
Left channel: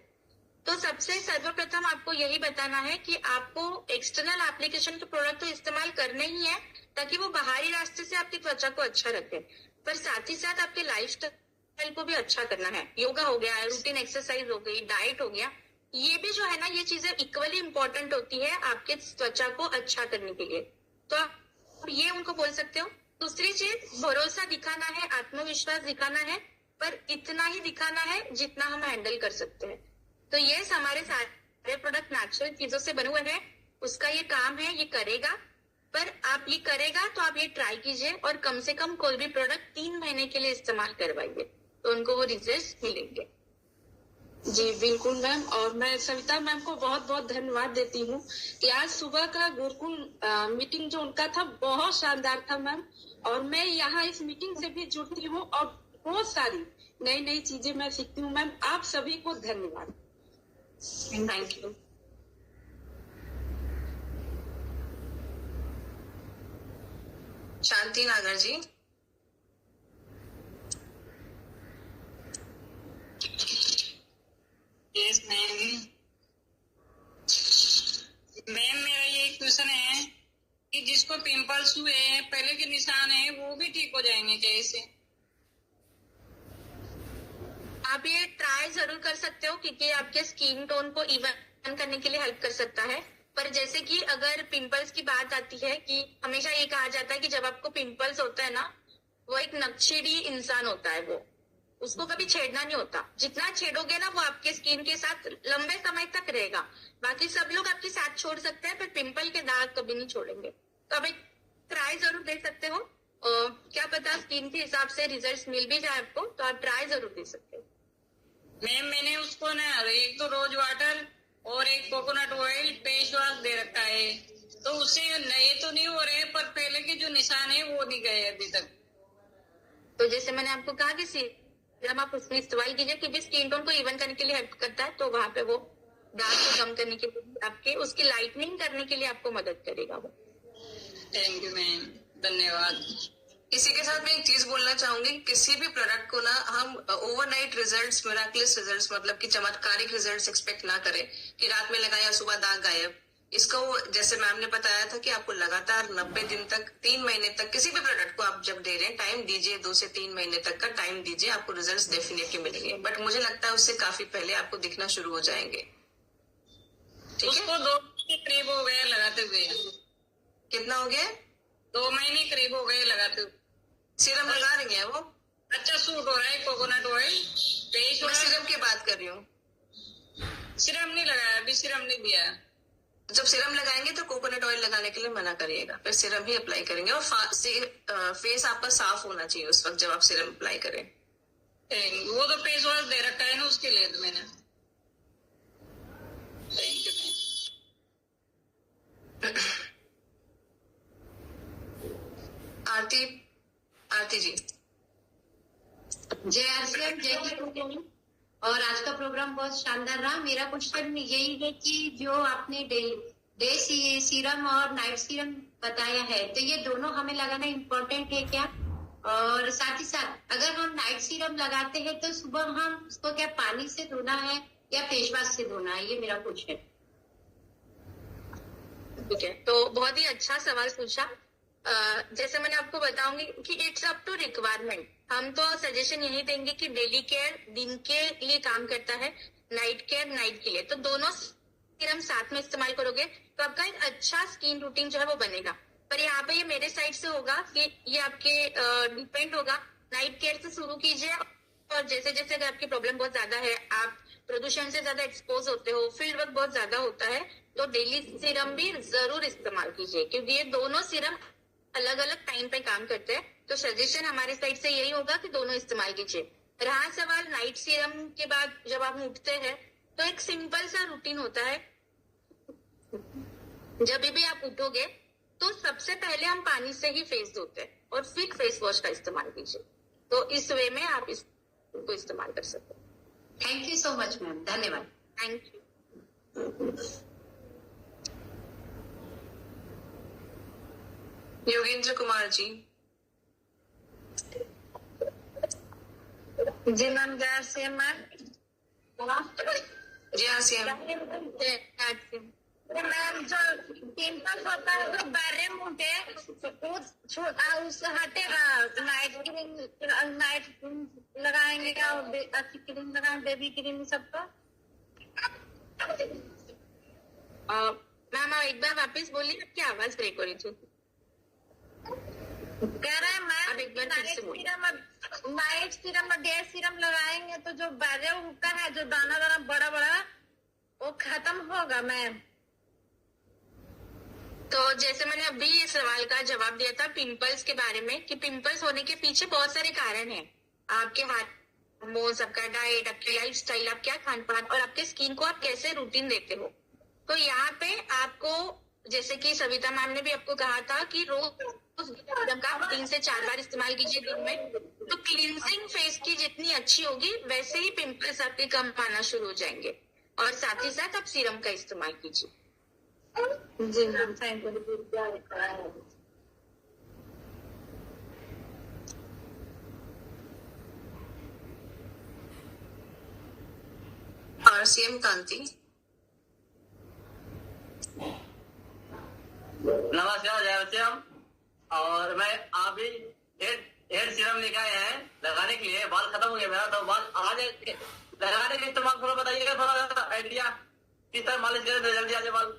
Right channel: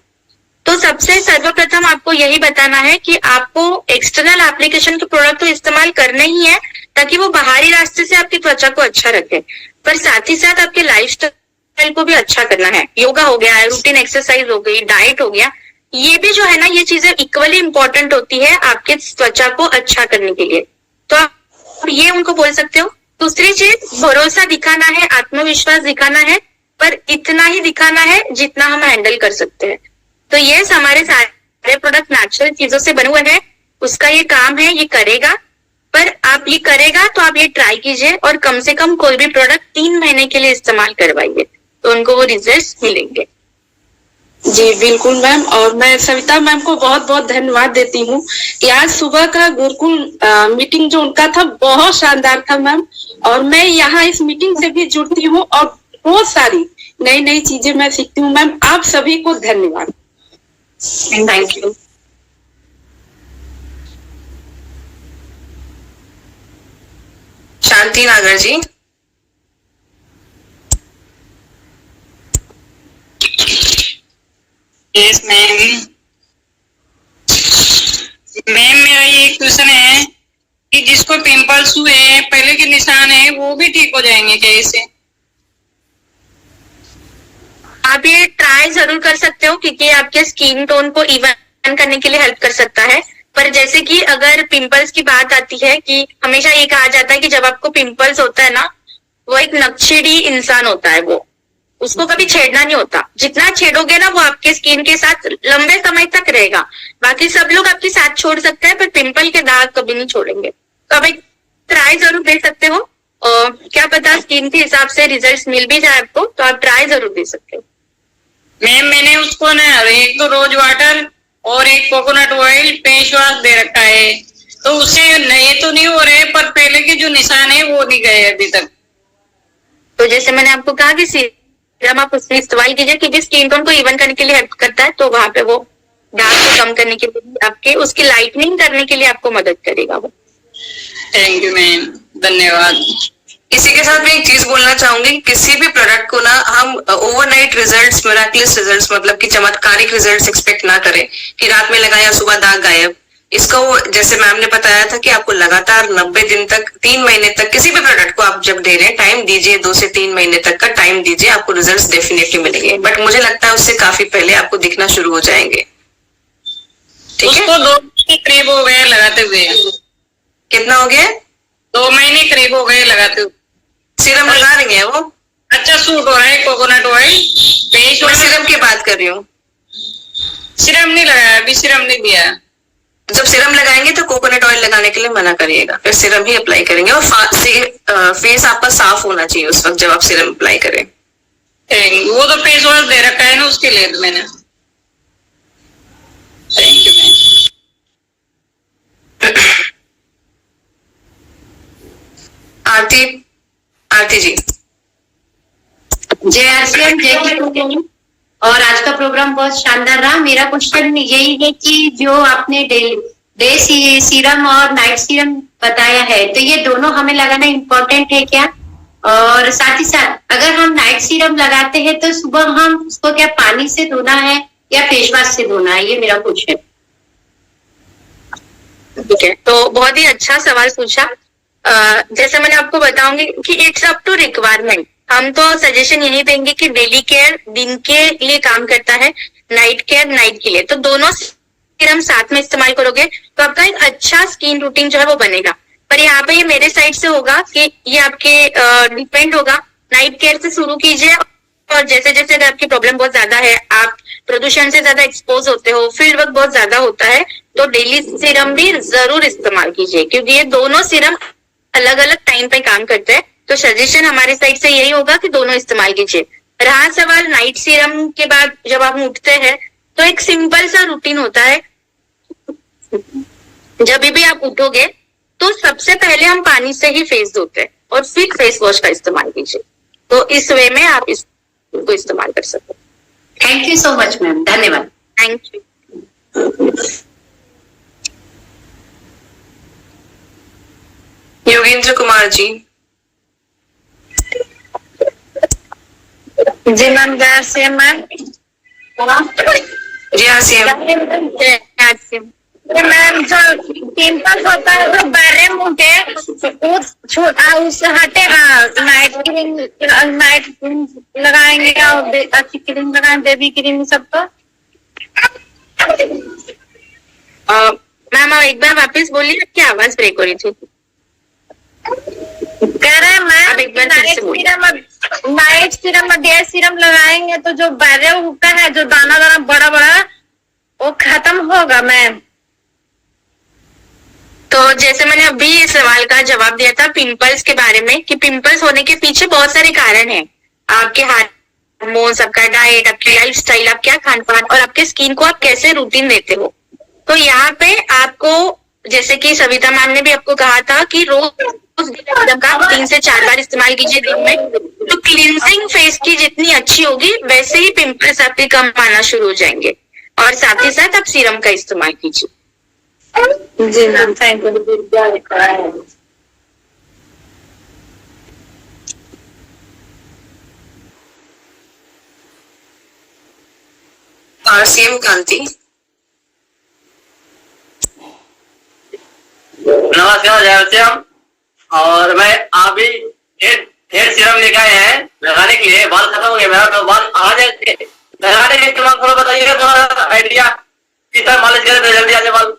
तो सबसे सर्वप्रथम आपको यही बताना है कि आपको एक्सटर्नल एप्लीकेशन के प्रोडक्ट तो इस्तेमाल करने ही है ताकि वो बाहरी रास्ते से आपकी त्वचा को अच्छा रखे, पर साथ ही साथ आपके लाइफस्टाइल को भी अच्छा करना है। योगा हो गया, रूटीन एक्सरसाइज हो गई, डाइट हो गया, ये भी जो है ना, ये चीजें इक्वली इंपॉर्टेंट होती है आपके त्वचा को अच्छा करने के लिए। तो आप ये उनको बोल सकते हो। दूसरी चीज, भरोसा दिखाना है, आत्मविश्वास दिखाना है, पर इतना ही दिखाना है जितना हम हैंडल कर सकते हैं। तो ये हमारे सारे प्रोडक्ट नेचुरल चीजों से बने हुए हैं, उसका ये काम है, ये करेगा। पर आप ये करेगा तो आप ये ट्राई कीजिए, और कम से कम कोई भी प्रोडक्ट 3 महीने के लिए इस्तेमाल करवाइए, तो उनको वो रिजल्ट मिलेंगे। जी बिल्कुल मैम, और मैं सविता मैम को बहुत बहुत धन्यवाद देती हूँ कि आज सुबह का गुरुकुल मीटिंग जो उनका था बहुत शानदार था मैम। और मैं यहाँ इस मीटिंग से भी जुड़ती हूँ और बहुत सारी नई नई चीजें मैं सीखती हूँ मैम। आप सभी को धन्यवाद। Thank you. शांति नागर जी। Yes ma'am. मैम मेरा ये क्वेश्चन है कि जिसको पिंपल्स हुए हैं, पहले के निशान है, वो भी ठीक हो जाएंगे क्या इससे? आप ये ट्राई जरूर कर सकते हो क्योंकि आपके स्किन टोन को इवन करने के लिए हेल्प कर सकता है। पर जैसे कि अगर पिंपल्स की बात आती है कि हमेशा ये कहा जाता है कि जब आपको पिंपल्स होता है ना, वो एक नक्शेड़ी इंसान होता है, वो उसको कभी छेड़ना नहीं होता। जितना छेड़ोगे ना वो आपके स्किन के साथ लंबे समय तक रहेगा। बाकी सब लोग आपके साथ छोड़ सकते हैं पर पिंपल के दाग कभी नहीं छोड़ेंगे। तो आप एक ट्राई जरूर दे सकते हो और क्या पता स्किन के हिसाब से रिजल्ट्स मिल भी जाए आपको, तो आप ट्राई जरूर दे सकते हो। मैम मैंने उसको ना एक तो रोज वाटर और एक कोकोनट ऑयल फेस वॉश दे रखा है, तो उससे नए तो नहीं हो रहे पर पहले के जो निशान है वो नहीं गए अभी तक। तो जैसे मैंने आपको कहा कि सीरम आप उसमें इस्तेमाल कीजिए क्योंकि स्किन टोन को इवन करने के लिए हेल्प करता है। तो वहां पे वो दाग को कम करने के लिए आपके उसकी लाइटनिंग करने के लिए आपको मदद करेगा वो। थैंक यू मैम, धन्यवाद। इसी के साथ मैं एक चीज बोलना चाहूंगी, किसी भी प्रोडक्ट को ना हम ओवरनाइट रिजल्ट्स, मिराकुलस रिजल्ट्स, मतलब कि चमत्कारिक रिजल्ट्स एक्सपेक्ट ना करें कि रात में लगाया सुबह दाग गायब। इसका वो जैसे मैम ने बताया था कि आपको लगातार 90 दिन तक, 3 महीने तक किसी भी प्रोडक्ट को आप जब दे रहे हैं टाइम दीजिए, 2 से 3 महीने तक का टाइम दीजिए, आपको रिजल्ट्स डेफिनेटली मिलेंगे। बट मुझे लगता है उससे काफी पहले आपको दिखना शुरू हो जाएंगे। ठीक है, उसको 2 महीने करीब हो गए लगाते हुए। कितना हो गया? 2 महीने करीब हो गए लगाते हुए। सीरम लगा रही है वो? अच्छा सूट हो रहा है कोकोनट ऑयल फेस मैं वॉश। सीरम की बात कर रही हूँ। सीरम नहीं लगाया, अभी सीरम नहीं दिया। जब सीरम लगाएंगे तो कोकोनट ऑयल लगाने के लिए मना करिएगा, फिर सीरम ही अप्लाई करेंगे। और फेस आपका साफ होना चाहिए उस वक्त जब आप सीरम अप्लाई करें। वो तो फेस वॉश दे रखा है ना, उसके लिए तो मैंने। Thank you ma'am. Aarti ji. जय आरसीएम, जय की। और आज का प्रोग्राम बहुत शानदार रहा। मेरा क्वेश्चन यही है कि जो आपने डे सीरम और नाइट सीरम बताया है, तो ये दोनों हमें लगाना इम्पोर्टेंट है क्या? और साथ ही साथ अगर हम नाइट सीरम लगाते हैं तो सुबह हम उसको क्या पानी से धोना है या फेस वॉश से धोना है? ये मेरा क्वेश्चन। ठीक है, तो बहुत ही अच्छा सवाल पूछा। जैसे मैंने आपको बताऊंगी कि इट्स अप टू रिक्वायरमेंट। हम तो सजेशन यही देंगे कि डेली केयर दिन के लिए काम करता है, नाइट केयर नाइट के लिए। तो दोनों सीरम साथ में इस्तेमाल करोगे तो आपका एक अच्छा स्किन रूटीन जो है वो बनेगा। पर यहाँ पे ये मेरे साइड से होगा कि ये आपके डिपेंड होगा। नाइट केयर से शुरू कीजिए और जैसे जैसे अगर आपकी प्रॉब्लम बहुत ज्यादा है, आप प्रदूषण से ज्यादा एक्सपोज होते हो, फील्ड वर्क बहुत ज्यादा होता है, तो डेली सीरम भी जरूर इस्तेमाल कीजिए क्योंकि ये दोनों सीरम अलग अलग टाइम पे काम करते हैं। तो सजेशन हमारे साइड से यही होगा कि दोनों इस्तेमाल कीजिए। रहा सवाल नाइट सीरम के बाद जब आप उठते हैं तो एक सिंपल सा रूटीन होता है। जब भी आप उठोगे तो सबसे पहले हम पानी से ही फेस धोते हैं और फिर फेस वॉश का इस्तेमाल कीजिए। तो इस वे में आप इसको इस्तेमाल कर सकते हैं। Thank you so much ma'am, धन्यवाद। Thank you. योगेंद्र कुमार जी। जी मैम, जय सीएम मैम। जी हाँ सीएम। मैम जो पिंपल्स होता है जो बारे मुंह के उससे हटेगा। नाइट क्रीम लगाएंगे और अच्छी क्रीम लगाएंगे, बेबी क्रीम सबको। मैम आप एक बार वापस बोलिए, आपकी आवाज ब्रेक हो रही थी। कह रहे हैं मैम नाइट सीरम और डे सीरम लगाएंगे तो जो बारे उगता है, जो दाना दाना बड़ा बड़ा, वो खत्म होगा मैम। तो जैसे मैंने अभी इस सवाल का जवाब दिया था पिंपल्स के बारे में कि पिंपल्स होने के पीछे बहुत सारे कारण हैं। आपके हाथ हार्मोन्स, आपका डाइट, आपकी लाइफस्टाइल, आप क्या खान पान और आपके स्किन को आप कैसे रूटीन देते हो। तो यहाँ पे आपको, जैसे कि सविता मैम ने भी आपको कहा था कि रोज का 3 से 4 बार इस्तेमाल कीजिए दिन में, तो क्लींजिंग फेस की जितनी अच्छी होगी वैसे ही पिंपल्स आपके कम आना शुरू हो जाएंगे। और साथ ही साथ आप सीरम का इस्तेमाल कीजिए। जी मैम, थैंक यू। RCM कांति। नमस्कार जयश्याम, और मैं अभी हेयर सीरम लेके आए हैं लगाने के लिए। बाल खत्म हो गया मेरा, तो बाल आ जाए लगाने के इस्तेमाल थोड़ा बताइएगा, थोड़ा आइडिया किस तरह मालिश करें तो जल्दी आ जाए बाल।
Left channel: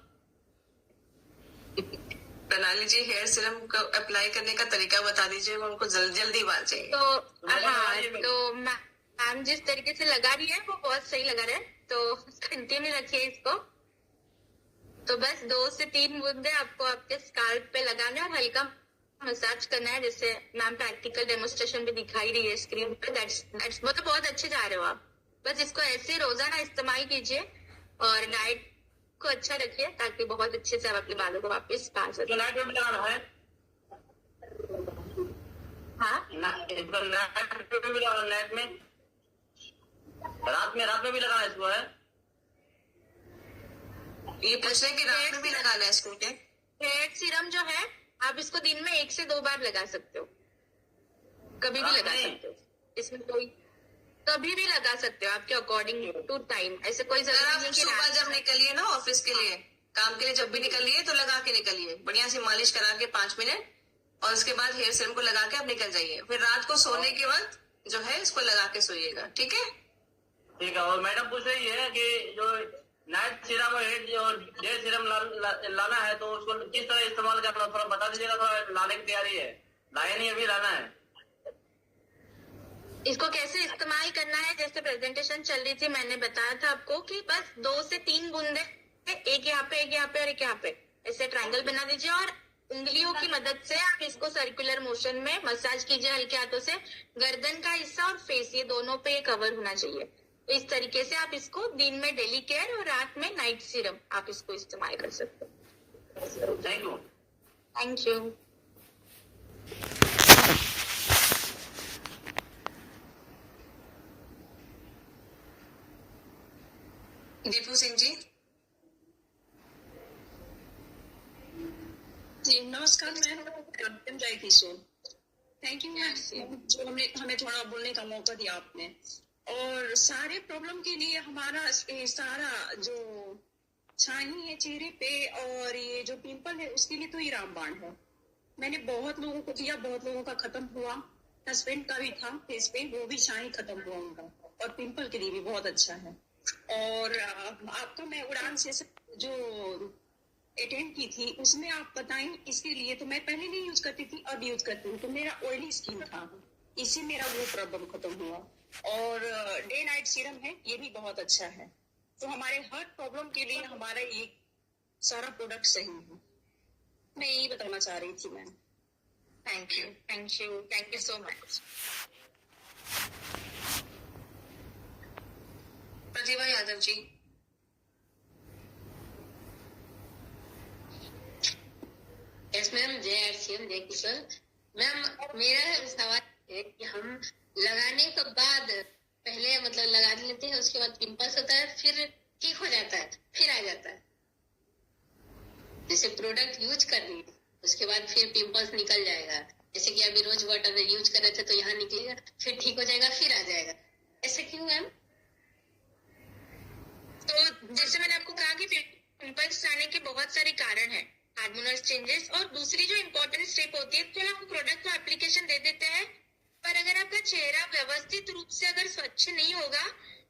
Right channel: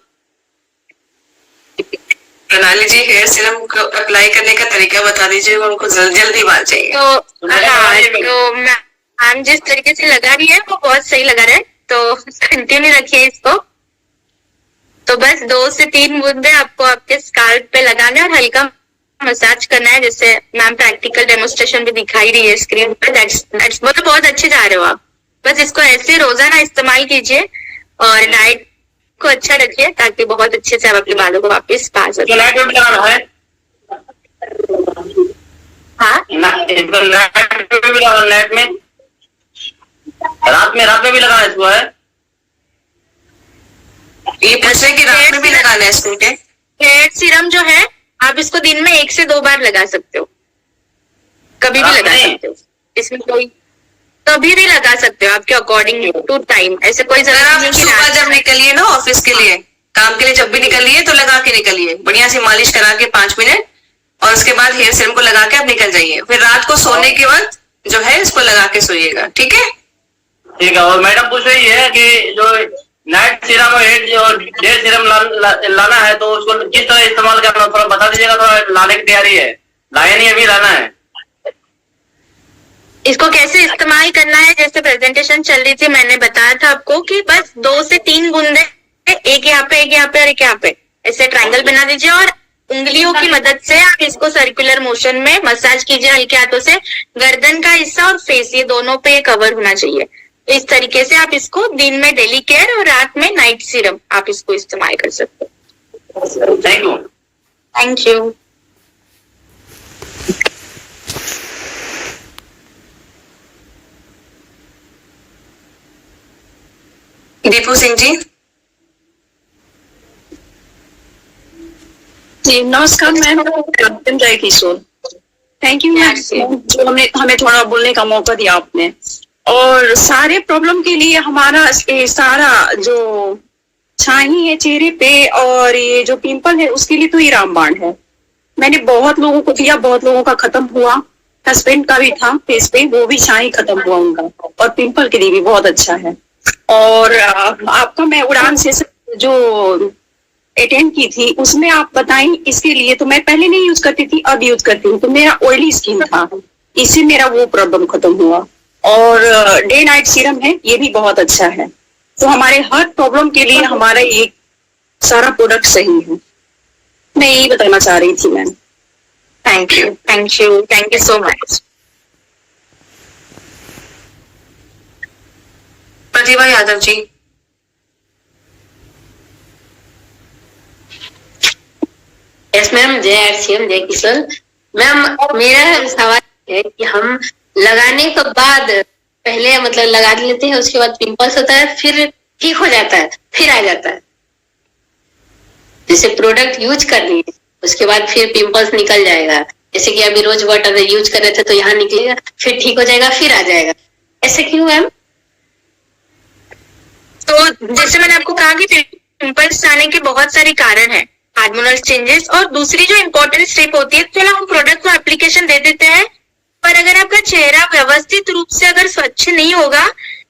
प्रणाली जी, हेयर सीरम को अप्लाई करने का तरीका बता दीजिए, उनको जल्दी बाल चाहिए। तो हाँ, तो मैम जिस तरीके से लगा रही है वो बहुत सही लगा रहा है, तो कंटिन्यू रखिए इसको। तो बस 2 से 3 बूंदे आपको आपके स्काल्प पे लगाना है और हल्का मसाज करना है, जैसे मैम प्रैक्टिकल डेमोन्स्ट्रेशन भी दिखाई रही है स्क्रीन पे। दैट्स वो तो बहुत अच्छे जा रहे हो आप। बस इसको ऐसे रोजाना इस्तेमाल कीजिए और डाइट को अच्छा रखिए ताकि बहुत अच्छे से आप अपने बालों को वापस पा सकें। नाइट में भी लगाना है? हाँ, नाइट में, रात में भी लगाना है इसको है? ये पूछ रहे कि रात में भी लगाना है इसको क्या? हेयर सीरम जो है आप इसको दिन में 1 से 2 बार लगा सकते हो, कभी भी लगा सकते हो, इसमें कोई कभी भी लगा सकते हो आपके अकॉर्डिंग टू टाइम। ऐसे कोई अगर जरूरत आप नहीं कि सुबह जब निकलिए ना ऑफिस के लिए, काम के लिए जब भी निकलिए तो लगा के निकलिए, बढ़िया से मालिश करा के 5 मिनट, और उसके बाद हेयर सीरम को लगा के आप निकल जाइए। फिर रात को सोने के वक्त जो है इसको लगा के सोइएगा, ठीक है? ठीक है। और मैडम पूछ रही है कि जो नाइट सीरम और डे सीरम लाना है तो उसको किस तरह इस्तेमाल करना, थोड़ा बता दीजिएगा। थोड़ा लाने की तैयारी है, लाया नहीं अभी, लाना है। इसको कैसे इस्तेमाल करना है, जैसे प्रेजेंटेशन चल रही थी मैंने बताया था आपको कि बस 2 से 3 बूंदे, एक यहाँ पे, एक यहाँ पे और एक यहाँ पे, ऐसे ट्रायंगल बना दीजिए और उंगलियों की मदद से आप इसको सर्कुलर मोशन में मसाज कीजिए हल्के हाथों से। गर्दन का हिस्सा और फेस, ये दोनों पे कवर होना चाहिए। इस तरीके से आप इसको दिन में डेली केयर और रात में नाइट सीरम आप इसको इस्तेमाल कर सकते हो। Thank you. Thank you. Deepu Singh ji. जी नमस्कार मैम, जय किशोर। थैंक यू मैम, जो हमें थोड़ा बोलने का मौका दिया आपने। और सारे प्रॉब्लम के लिए हमारा ये सारा जो छाई है चेहरे पे और ये जो पिंपल है उसके लिए तो ये रामबाण है। मैंने बहुत लोगों को दिया, बहुत लोगों का खत्म हुआ, हस्बैंड का भी था फेस पे, वो भी छाई खत्म हुआ उनका, और पिंपल के लिए भी बहुत अच्छा है। और आपका मैं उड़ान से जो अटेंड की थी उसमें आप बताएं इसके लिए, तो मैं पहले नहीं यूज करती थी, अब यूज करती हूँ। तो मेरा ऑयली स्किन था, इससे मेरा वो प्रॉब्लम खत्म हुआ। और डे नाइट सीरम है, ये भी बहुत अच्छा है। तो हमारे हर प्रॉब्लम के लिए हमारा ये सारा प्रोडक्ट सही है। मैं यही बताना चाह रही थी ma'am. Thank you, thank you, thank you so much. Pratibha Yadav ji. Yes ma'am, जय आरसीएम, जय किशोर। मैम मेरा सवाल है कि हम लगाने के बाद पहले मतलब लगा लेते हैं, उसके बाद पिंपल्स होता है, फिर ठीक हो जाता है, फिर आ जाता है। जैसे प्रोडक्ट यूज कर लिए उसके बाद फिर पिंपल्स निकल जाएगा, जैसे कि अभी रोज वाटर यूज कर रहे थे तो यहाँ निकलेगा, फिर ठीक हो जाएगा, फिर आ जाएगा। ऐसे क्यों मैम? तो जैसे मैंने आपको कहा कि पिंपल्स आने के बहुत सारे कारण हैं, हार्मोनल चेंजेस, और दूसरी जो इम्पोर्टेंट स्टेप होती है, चलो हम प्रोडक्ट को एप्लीकेशन दे देते हैं, पर अगर आपका चेहरा व्यवस्थित रूप से अगर स्वच्छ नहीं होगा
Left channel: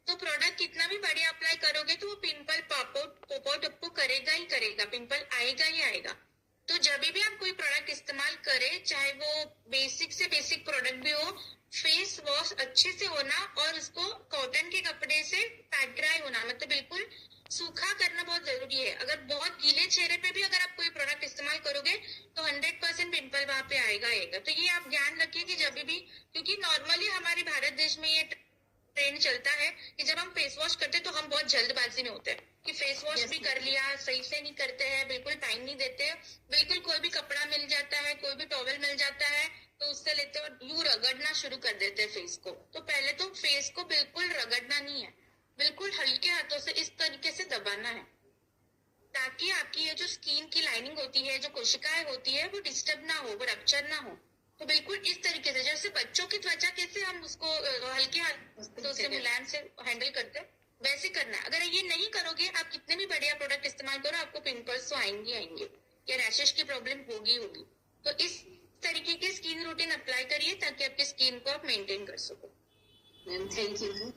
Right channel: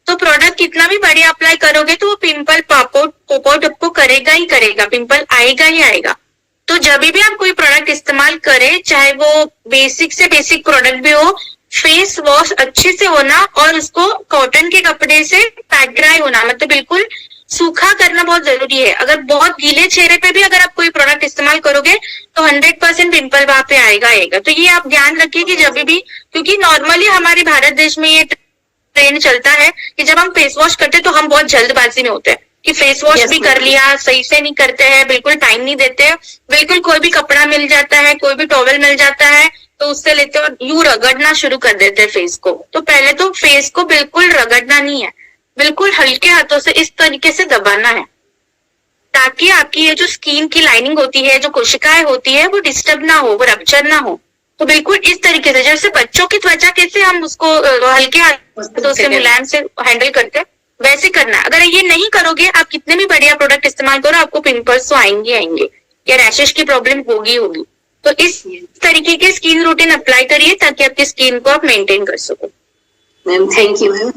तो प्रोडक्ट कितना भी बढ़िया अप्लाई करोगे तो वो पिंपल पॉप आउट आपको करेगा ही करेगा, पिंपल आएगा ही आएगा। तो जब भी आप कोई प्रोडक्ट इस्तेमाल करें, चाहे वो बेसिक से बेसिक प्रोडक्ट भी हो, फेस वॉश अच्छे से होना और उसको कॉटन के कपड़े से पैक ड्राई होना, मतलब बिल्कुल सूखा करना बहुत जरूरी है। अगर बहुत गीले चेहरे पे भी अगर आप कोई प्रोडक्ट इस्तेमाल करोगे तो 100% पिंपल वहां पे आएगा। तो ये आप ध्यान रखिए कि जब भी, क्योंकि नॉर्मली हमारे भारत देश में ये ट्रेंड चलता है कि जब हम फेस वॉश करते हैं तो हम बहुत जल्दबाजी में होते हैं कि फेस वॉश भी कर लिया, सही से नहीं करते हैं, बिल्कुल टाइम नहीं देते हैं, बिल्कुल कोई भी कपड़ा मिल जाता है, कोई भी टॉवल मिल जाता है तो उससे लेते और यूं रगड़ना शुरू कर देते हैं फेस को। तो पहले तो फेस को बिल्कुल रगड़ना नहीं है, बिल्कुल हल्के हाथों से इस तरीके से दबाना है ताकि आपकी ये जो स्किन की लाइनिंग होती है, जो कोशिकाएं होती है, वो डिस्टर्ब ना हो, वो रप्चर ना हो। तो बिल्कुल इस तरीके से जैसे बच्चों की त्वचा कैसे हम उसको हल्के हाथों से मुलायम से हैंडल करते हैं वैसे करना है। अगर ये नहीं करोगे, आप कितने भी बढ़िया प्रोडक्ट इस्तेमाल करो, आपको पिंपल्स तो आएंगे या रैशेस की प्रॉब्लम होगी। तो इस तरीके के स्किन रूटीन अप्लाई करिए ताकि आपकी स्किन को आप मेंटेन कर सको। Ma'am thank you ma'am.